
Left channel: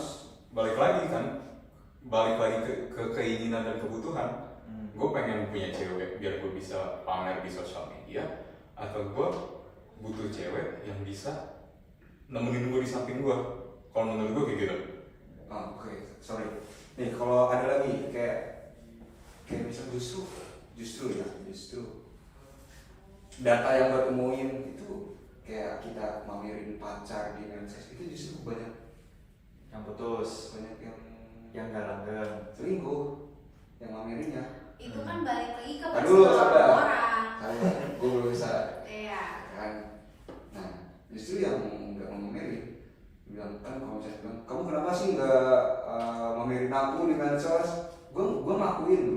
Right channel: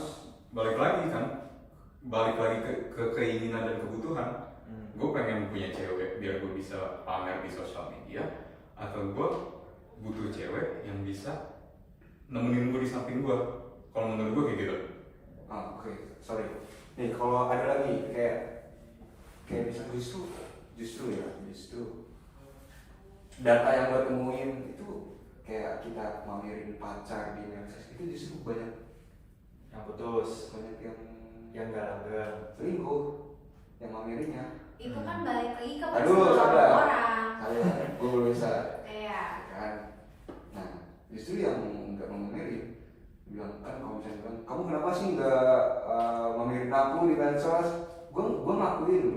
balik lagi ke keinginan dan kebutuhan. Gue pengen punya cewek biar gue bisa pamer di sosial media, atau gue butuh cewek yang bisa nemenin gue di samping gue. Kalau menurut gue kayak gitu. Oh, oke. Sorry. Nih kalau ada lagi kayak misalnya justru data yang gue temuin itu kayak kita mamerin pacar di medsos itu justru banyak Yang putus, banyak yang gak langgeng. selingkuh yang mamerinnya. Itu kan balik lagi ke Aduh, personal sabar. orang. Gue belum bisa. Iya. Kan? Nah, justru yang nggak mamerin bilang kan, kalau misalnya bilang kamu kenapa sih nggak mamerin aku di medsos? Gue ngakuin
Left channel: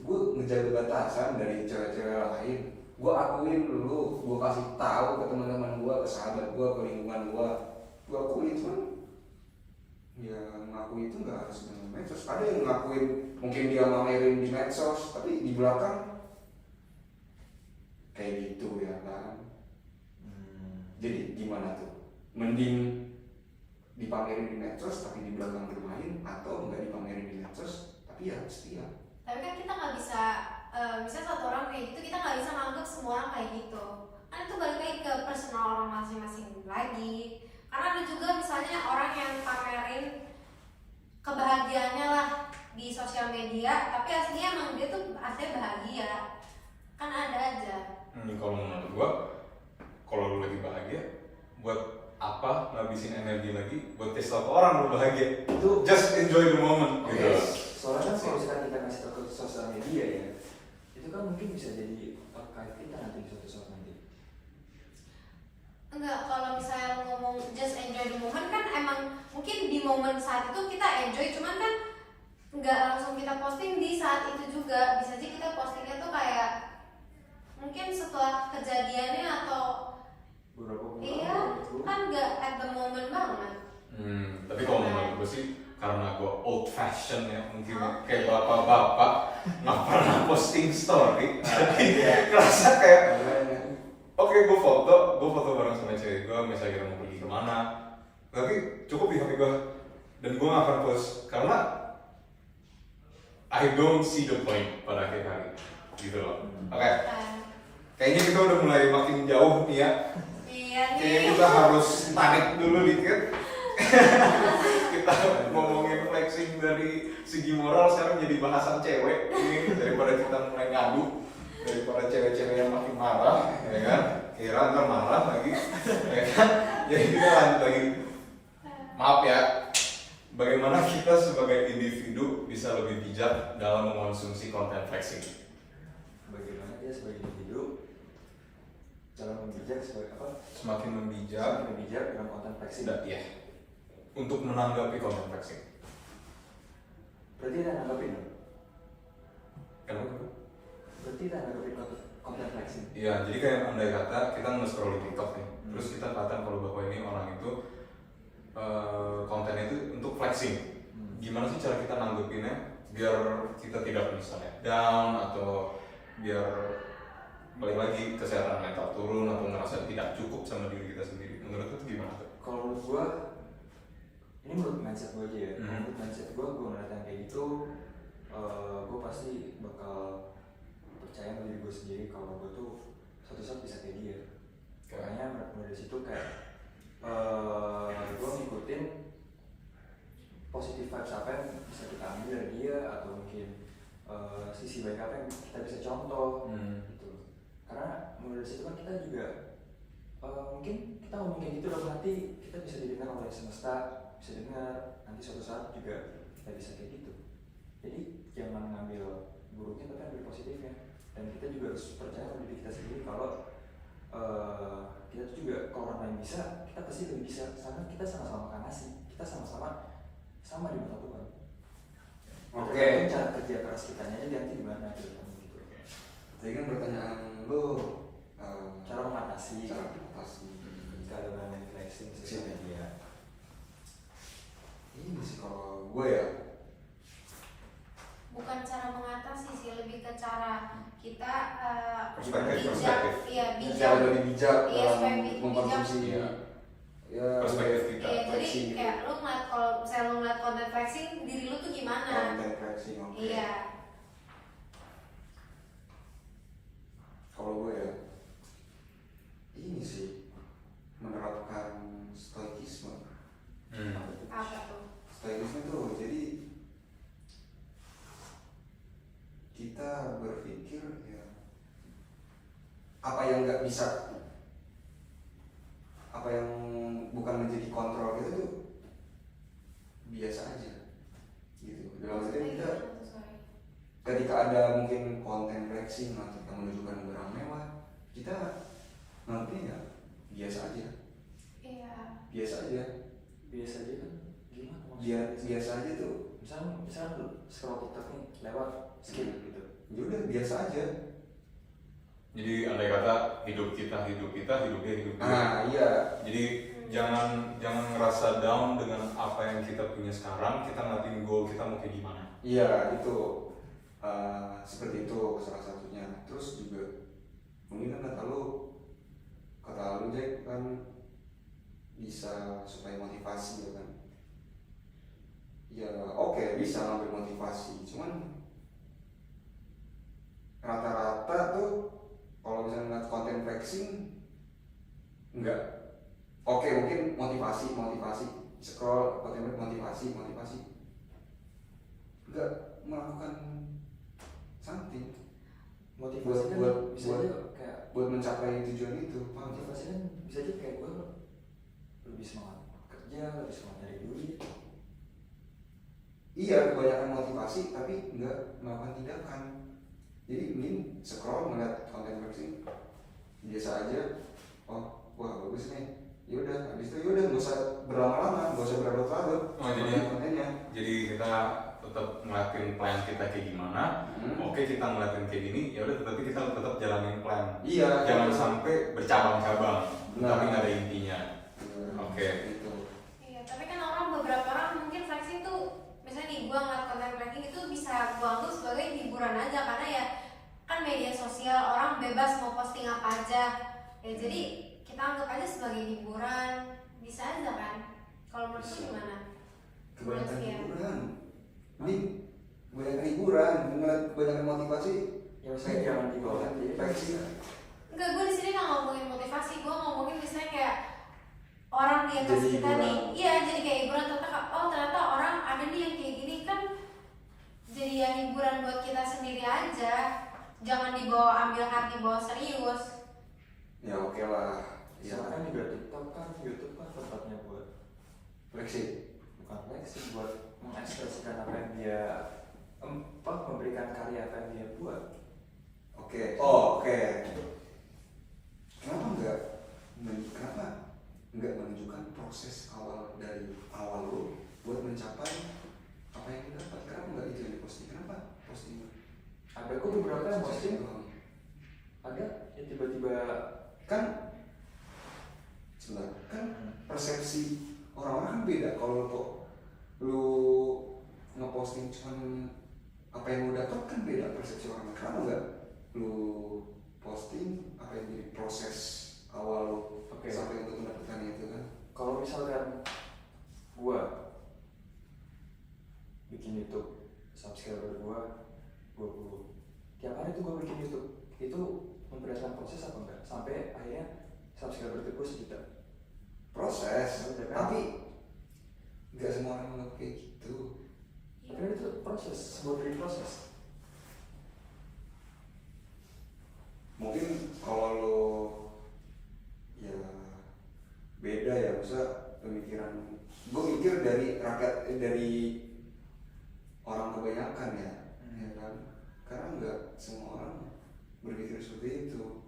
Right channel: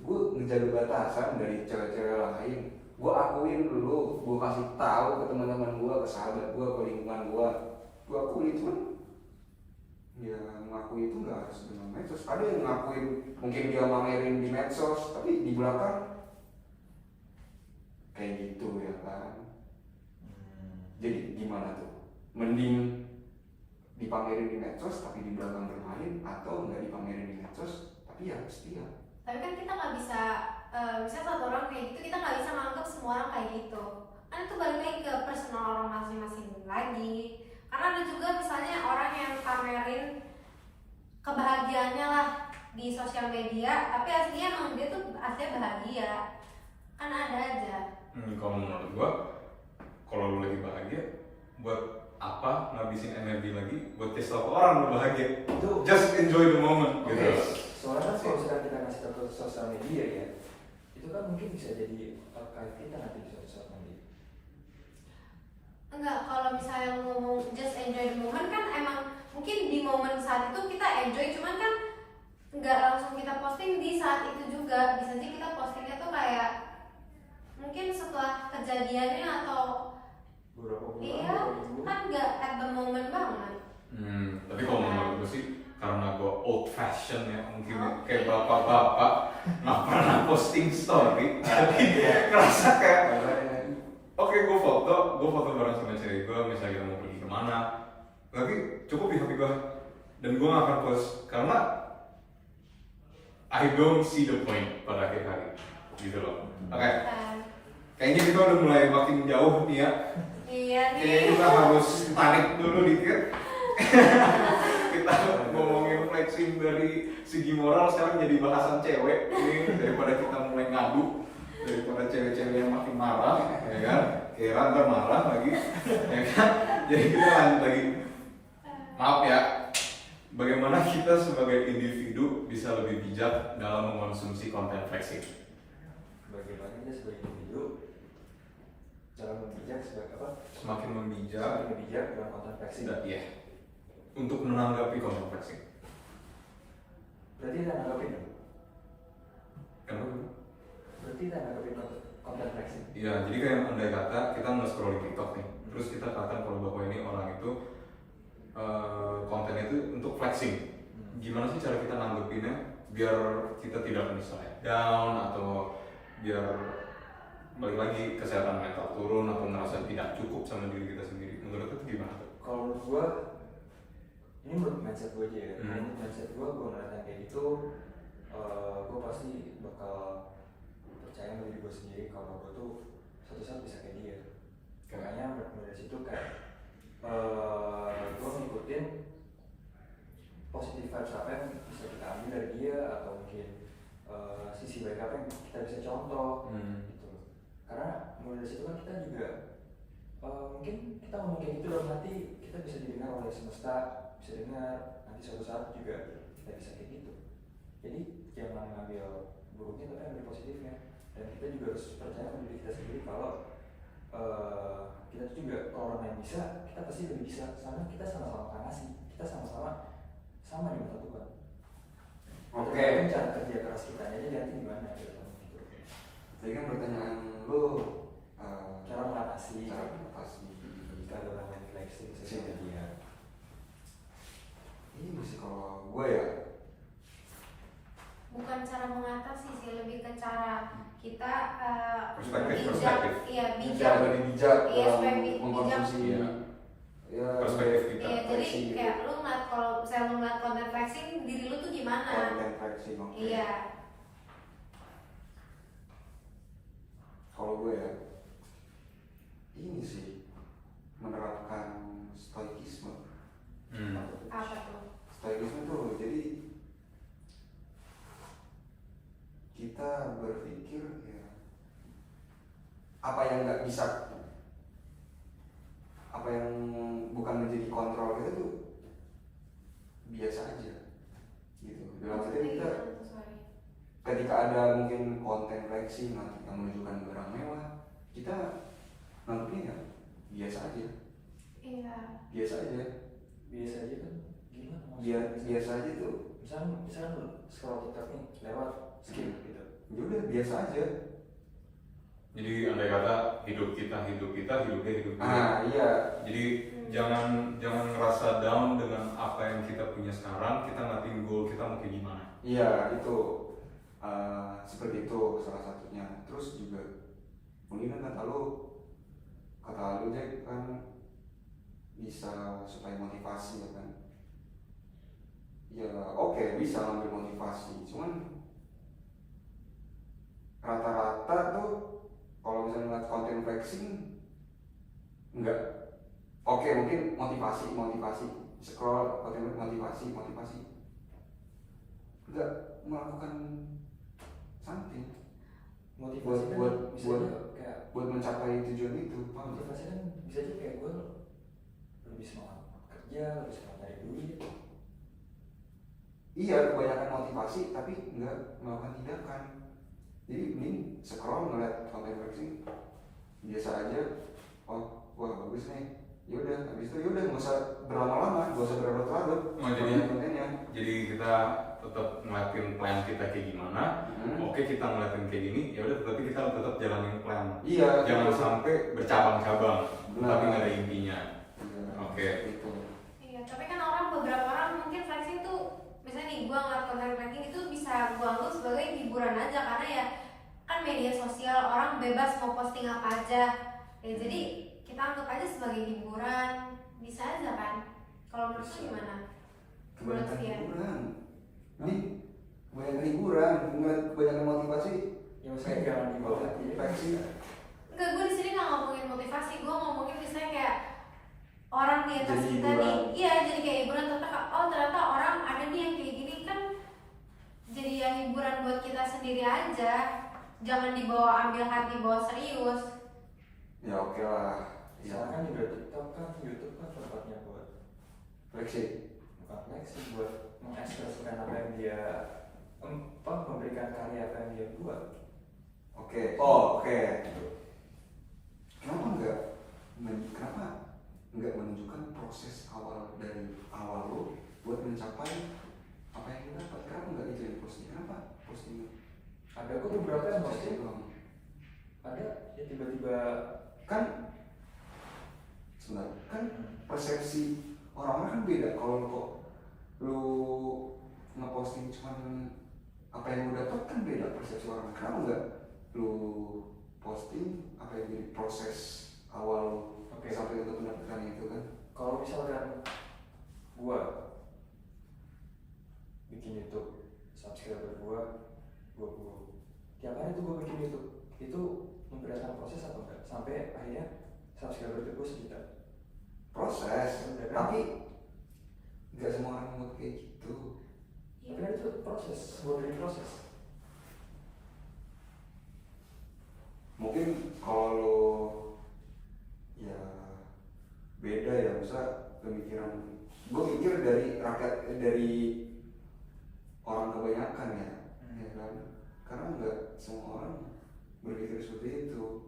gue ngejaga batasan dari cewek-cewek lain. Gue akuin dulu, gue kasih tahu ke teman-teman gue, ke sahabat gue, ke lingkungan gue akuin. Cuman ya ngaku itu nggak harus dengan medsos. Ada yang ngakuin mungkin dia mamerin di medsos tapi di belakang kayak gitu ya kan. Jadi gimana tuh, mending dipamerin di medsos tapi di belakang bermain, atau nggak dipamerin di medsos tapi ya setia. Tapi kan kita nggak bisa, misalnya satu orang kayak gitu, kita nggak bisa menganggap semua orang kayak gitu. Kan itu balik lagi ke personal orang masing-masing lagi. Karena ada juga misalnya orang yang pamerin kebahagiaannya lah di sosial media, tapi aslinya emang dia tuh aslinya bahagia. Kan ada aja. Kalau menurut gua, kalau lu lagi bahagia, buat apa ngabisin energi lagi buat tes ke orang lu bahagia? Itu Just enjoy the moment gitu. soalnya kan kalau misalkan kita ngasih tahu ke sosial media ya, itu kan mungkin bisa jadi terkait kita nanti di suatu saat nanti. Enggak, kalau misalnya ngomong just enjoy the moment kan emang mungkin di momen saat itu kita enjoy, cuman kan nggak langsung kita posting di saat itu juga. Bisa aja kita postingnya tuh kayak mungkin setelah kejadiannya atau Beberapa bulan iya, gitu. kan nggak at the moment banget. Tapi kalau menurut gue sih, karena gue old fashion ya, mungkin kayak bapak-bapak nggak pernah posting story, jadi ngerasa kayak oke, gue foto bareng sama cewek gue, misalnya kita mau pergi kemana, tapi cukup di HP gue, dan gue nggak akan post karena I don't see the point pada akhir hari, gitu loh. Oke, kayaknya kita udah mulai makin jauh nih ya. Iya Kayaknya nih. kita harus tarik dulu dikit. Kita ngomongin flexing dari segi moral, sekarang jadi bahasan cewek ini, daripada kita mulai ngadu, daripada cewek-cewek yang makin marah, ya kan? Kira ntar marah lagi, ya kan? Jadi kita lanjut lagi. Maaf ya, bagaimana kita sebagai individu bisa lebih bijak dalam mengonsumsi konten flexing? Bagaimana dia sebagai individu dalam bijak sebagai apa? Semakin membijak, Semakin bijak dalam konten flexing. ya, untuk menanggapi konten flexing. Berarti kita nanggapin dong? Kenapa? Berarti kita nanggapin konten flexing. Iya, jadi kayak andai kata kita nge-scroll di TikTok nih, terus kita katakan kalau bahwa ini orang itu kontennya itu untuk flexing. Gimana sih cara kita nanggepinnya biar kita tidak misalnya down, atau biar balik lagi kesehatan mental turun, atau ngerasa tidak cukup sama diri kita sendiri? Menurut itu gimana tuh? Kalau menurut gua, ini menurut mindset gua aja ya. Menurut mindset gua ngeliat yang kayak gitu, gua pasti bakal percaya sama diri gua sendiri kalau gua tuh suatu saat bisa kayak dia. Makanya mulai dari situ kayak gue ngikutin positive vibes apa yang bisa kita ambil dari dia, atau mungkin sisi baik apa yang kita bisa contoh gitu. Karena mulai dari situ kan kita juga mungkin kita ngomong kayak gitu dalam hati, kita bisa didengar oleh semesta, bisa dengar nanti suatu saat juga kita bisa kayak gitu. Jadi jangan ngambil buruknya tapi ambil positifnya, dan kita juga harus percaya pada diri kita sendiri kalau kita tuh juga kalau orang lain bisa, kita pasti lebih bisa, karena kita sama-sama kan ngasih, kita sama-sama sama di mata Tuhan. Oke. Tergantung cara kerja keras kita aja nanti gimana gitu. Tadi kan pertanyaan lo Cara mengatasi kalau kalau main flexing sosial media. ini sih kalau gue ya, Bukan cara mengatasi sih, lebih ke cara kita Perspektif. Iya, bijak. cara lebih bijak Iya, dalam supaya bijak. mengkonsumsi ya Perspektif kita. Iya, jadi flexing gitu. kayak lu ngeliat, kalau misalnya lu ngeliat konten flexing, diri lu tuh gimana? Konten flexing, oke. Iya. Kalau gue ya, ini sih menerapkan stoikisme. Apa tuh? Stoikisme tuh jadi kita berpikir ya apa yang nggak bisa, apa yang bukan menjadi kontrol kita tuh biasa aja gitu. Dalam artian Maksudnya kita gimana tuh, sorry? ketika ada mungkin konten flexing atau kita menunjukkan barang mewah, kita nantinya ya biasa aja, Iya. biasa aja, Biasa aja kan gimana biasa aja tuh. misalnya lu scroll TikTok nih lewat skip gitu. Ya udah biasa aja. Jadi andai kata hidup dia hidup dia. Iya. Jadi jangan ngerasa down dengan apa yang kita punya sekarang. Kita ngatin goal kita mau kayak gimana. Iya itu seperti itu salah satunya. Terus juga mungkin kan kata lu Jack kan bisa supaya motivasi ya kan. Ya oke, bisa ambil motivasi, cuman rata-rata tuh kalau misalnya ngeliat konten flexing enggak oke, mungkin motivasi scroll konten motivasi enggak melakukan something Motivasi buat kan bisa aja kayak buat mencapai tujuan itu. Paham? motivasi kan bisa aja kayak gue lebih semangat kerja, lebih semangat dari duit. Iya, kebanyakan motivasi tapi enggak melakukan tindakan. Jadi mending scroll ngeliat konten flexing biasa aja. Oh, wah bagus nih. Yaudah, habis itu yaudah nggak usah berlama-lama, nggak usah berlarut-larut. Kontennya. Jadi kita tetap ngeliatin plan kita kayak gimana. Oke, kita ngeliatin kayak gini, ya udah, tapi kita tetap jalanin plan. Iya. Jangan gitu. sampai bercabang-cabang, Benar. tapi nggak ada intinya. Oke. Gitu. Iya, tapi kan beberapa orang mungkin flexing tuh, misalnya nih gua ngeliat konten flexing itu bisa gua anggap sebagai hiburan aja, karena ya kan media sosial, orang bebas mau posting apa aja. Ya jadi kita anggap aja sebagai hiburan, bisa aja kan? Kalau menurut lu gimana? Kebanyakan Menurut Fian? hiburan. Ini kebanyakan hiburan, kebanyakan motivasi. Ya maksudnya jangan dibawa jadi flexing. Enggak, gue di sini nggak ngomongin motivasi, gue ngomongin misalnya kayak orang di atas Jadi kita hiburan. nih, iya jadi kayak hiburan, ternyata orang ada nih yang kayak gini kan, jadi ya hiburan buat kita sendiri aja, jangan dibawa ambil hati, bawa serius. Ya oke lah. Ya Soalnya kan juga TikTok kan, YouTube kan tempatnya buat flexing. bukan flexing, buat mengekspresikan apa yang dia memberikan karya apa yang dia buat. Oke. Oh oke. Kenapa enggak menunjukkan proses awal dari awal lo buat mencapai apa yang lo dapat? Kenapa enggak itu yang posting? Kenapa posting? Ada kok beberapa yang posting, doang. ada ya tiba-tiba Kan sebenarnya kan persepsi orang-orang kan beda. Kalau lu ngeposting cuman apa yang lu dapat kan beda persepsi orang. Kenapa enggak lu posting apa yang jadi proses awal Oke. sampai untuk mendapatkan itu kan? Kalau misalkan gua bikin YouTube, subscriber gua 20, tiap hari tuh gua bikin YouTube, itu memberatkan proses apa enggak? Sampai akhirnya subscriber itu 2 juta. Proses, Udah kan? tapi nggak semua orang mau kayak gitu. Tapi kan itu proses, sebuah dari proses. Mungkin kalau lo ya beda ya, masa pemikiran gue mikir dari rakyat, dari orang kebanyakan ya, ya kan, karena nggak semua orang berpikir seperti itu.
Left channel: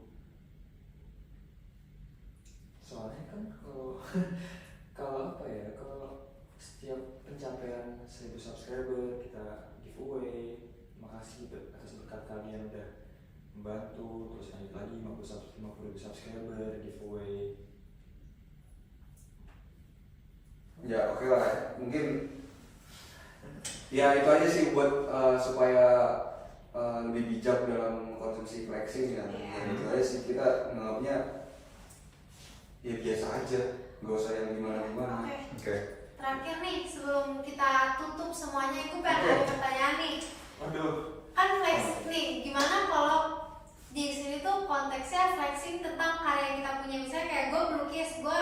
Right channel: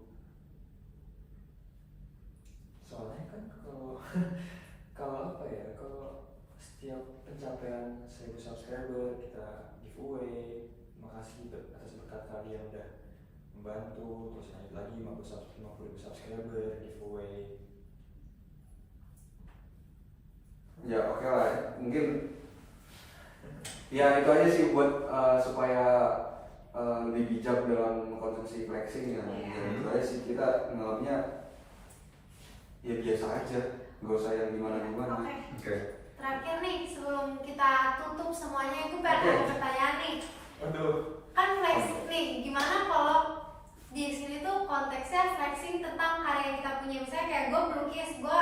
Soalnya kan kalau kalau apa ya, kalau setiap pencapaian 1000 subscriber kita giveaway, makasih atas berkat kalian udah membantu, terus lanjut lagi 50.000 subscriber giveaway. Ya oke lah, mungkin ya itu aja sih buat supaya lebih bijak dalam konsumsi flexing ya. Iya. Ya, itu aja sih, kita nganggapnya ya biasa aja, nggak usah yang gimana-gimana. Oke. Terakhir nih sebelum kita tutup semuanya, itu pengen ada pertanyaan nih. Waduh. Kan flexing nih, gimana kalau di sini tuh konteksnya flexing tentang karya yang kita punya, misalnya kayak gue melukis, gue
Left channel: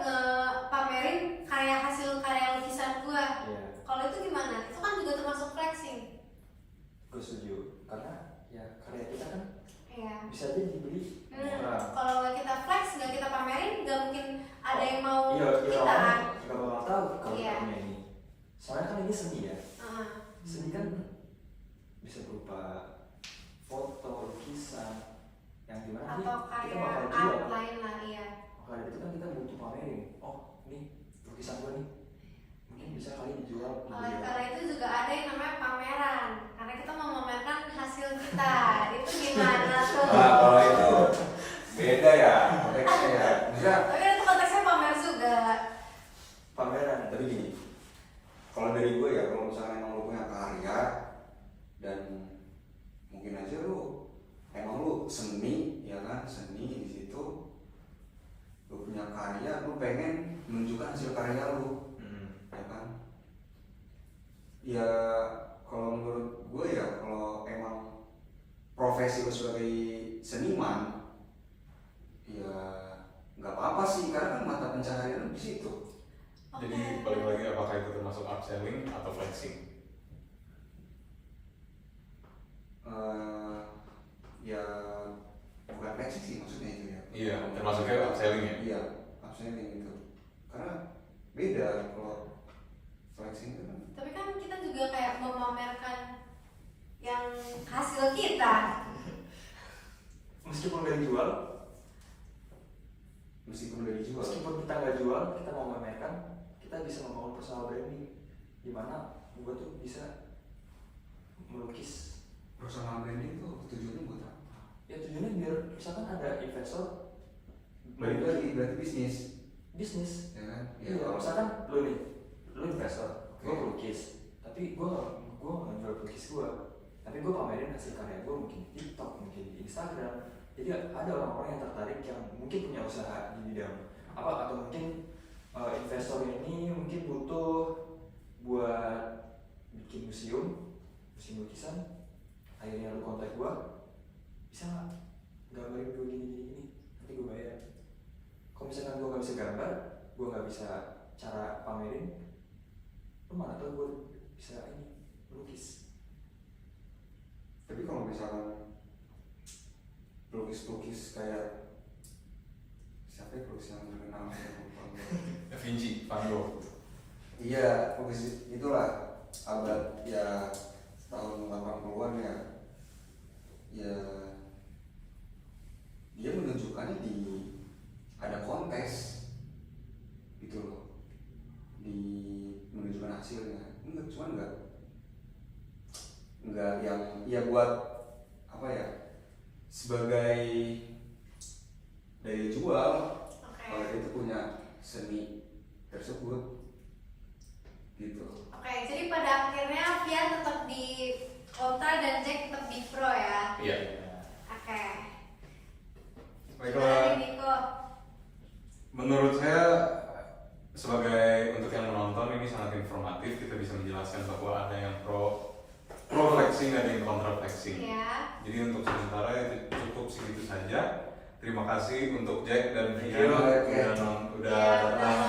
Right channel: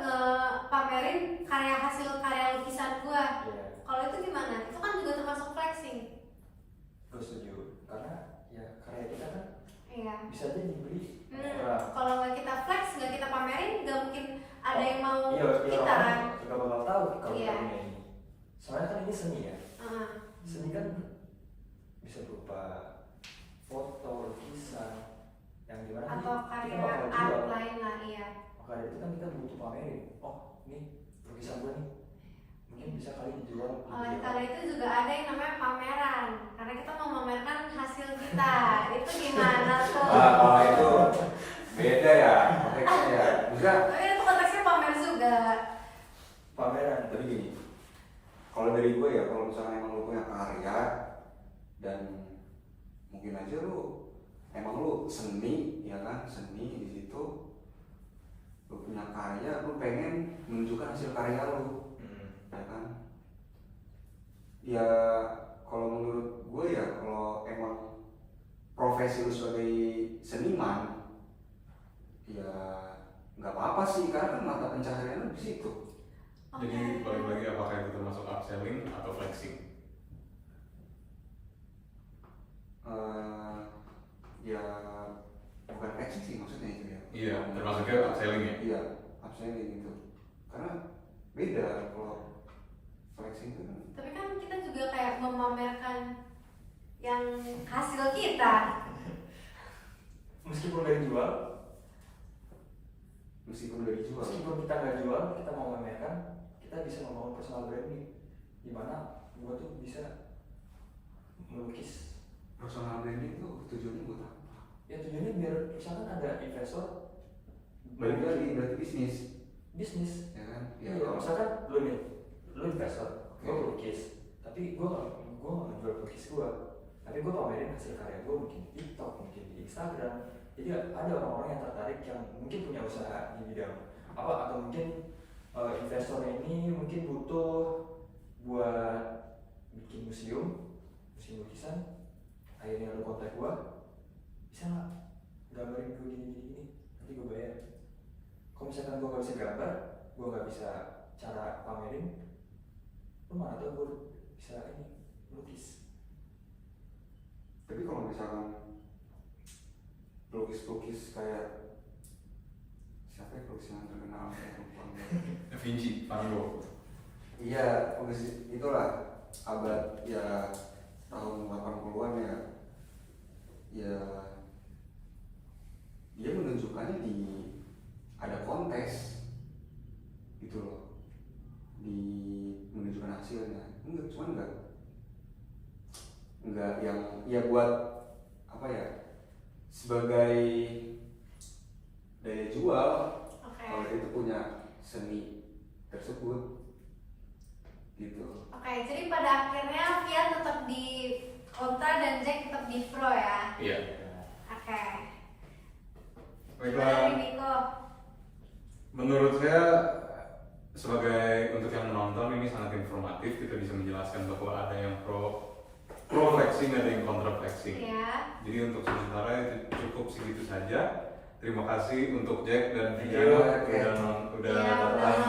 ngepamerin hasil karya lukisan gue. Iya. Kalau itu gimana? Itu kan juga termasuk flexing. Gue setuju, karena ya karya kita kan Iya. bisa aja dibeli orang. Kalau nggak kita flex, nggak kita pamerin, nggak mungkin ada yang mau Iya, kita orang kan. nggak bakal tahu kalau Iya. kita punya ini. Soalnya kan ini seni ya. Heeh. Seni kan bisa berupa foto, lukisan, yang dimana Atau kita karya bakal art jual. lain lah, iya. Maka dari itu kan kita butuh pamerin. Oh, ini lukisan gue nih, mungkin bisa kali dijual. Oleh karena itu juga ada yang namanya pameran, karena kita mau memamerkan hasil kita. Itu gimana tuh? Nah, kalau itu beda ya konteksnya ya. Bisa. Tapi itu konteksnya pamer juga. Pameran. Tapi gini, kalau dari gue ya, kalau misalnya emang lu punya karya dan mungkin aja emang lu seni ya kan, seni di situ lu punya karya, lu pengen menunjukkan hasil karya lu, ya kan. Ya kalau menurut gue ya, kalau emang profesi lu sebagai seniman ya nggak apa-apa sih, karena kan mata pencaharian lu di situ. Jadi balik lagi, apakah itu termasuk upselling atau flexing? Ya bukan flexing sih maksudnya itu ya. Iya, termasuknya upselling ya? Iya, upselling itu. Karena beda kalau flexing itu kan. Tapi kan kita juga kayak memamerkan yang hasil kita. Meskipun gak dijual, Meskipun udah dijual. meskipun kita nggak jual, kita mau memamerkan, kita bisa membangun personal branding. Dimana gue tuh bisa melukis. Personal branding tuh tujuannya buat apa? Ya tujuannya biar misalkan ada investor Balik lagi berarti bisnis, bisnis. ya kan? Ya, misalkan lu nih, lu investor, gue melukis, tapi gue nggak jual lukis gue, tapi gue pamerin hasil karya gue mungkin di TikTok, mungkin di Instagram. Jadi ada orang-orang yang tertarik yang mungkin punya usaha di bidang apa, atau mungkin investornya ini mungkin butuh buat bikin museum lukisan. Akhirnya lu kontak gue, bisa nggak gambarin gue gini, nanti gue bayar. Kalau misalkan gue nggak bisa gambar, gue nggak bisa cara pamerin, lu mana tau gue bisa ini lukis. Tapi kalau misalkan pelukis kayak siapa ya pelukis yang terkenal Da Vinci, Van Gogh. Iya, pelukis itulah abad ya tahun 80-an ya. Ya dia menunjukkannya di ada kontes gitu loh, di menunjukkan hasilnya. Enggak yang ya buat apa ya, sebagai daya jual. Oke. Kalau dia tuh punya seni tersebut gitu. Oke, jadi pada akhirnya Fian tetap di kontra dan Jack tetap di pro ya. Iya. Oke. Baiklah. Gimana Niko? Menurut saya sebagai untuk yang menonton ini sangat informatif, kita bisa menjelaskan bahwa ada yang pro flexing, ada yang kontra flexing. Iya. Jadi untuk sementara itu cukup segitu saja. terima kasih untuk Jack dan Thank Via you. udah Ya, udah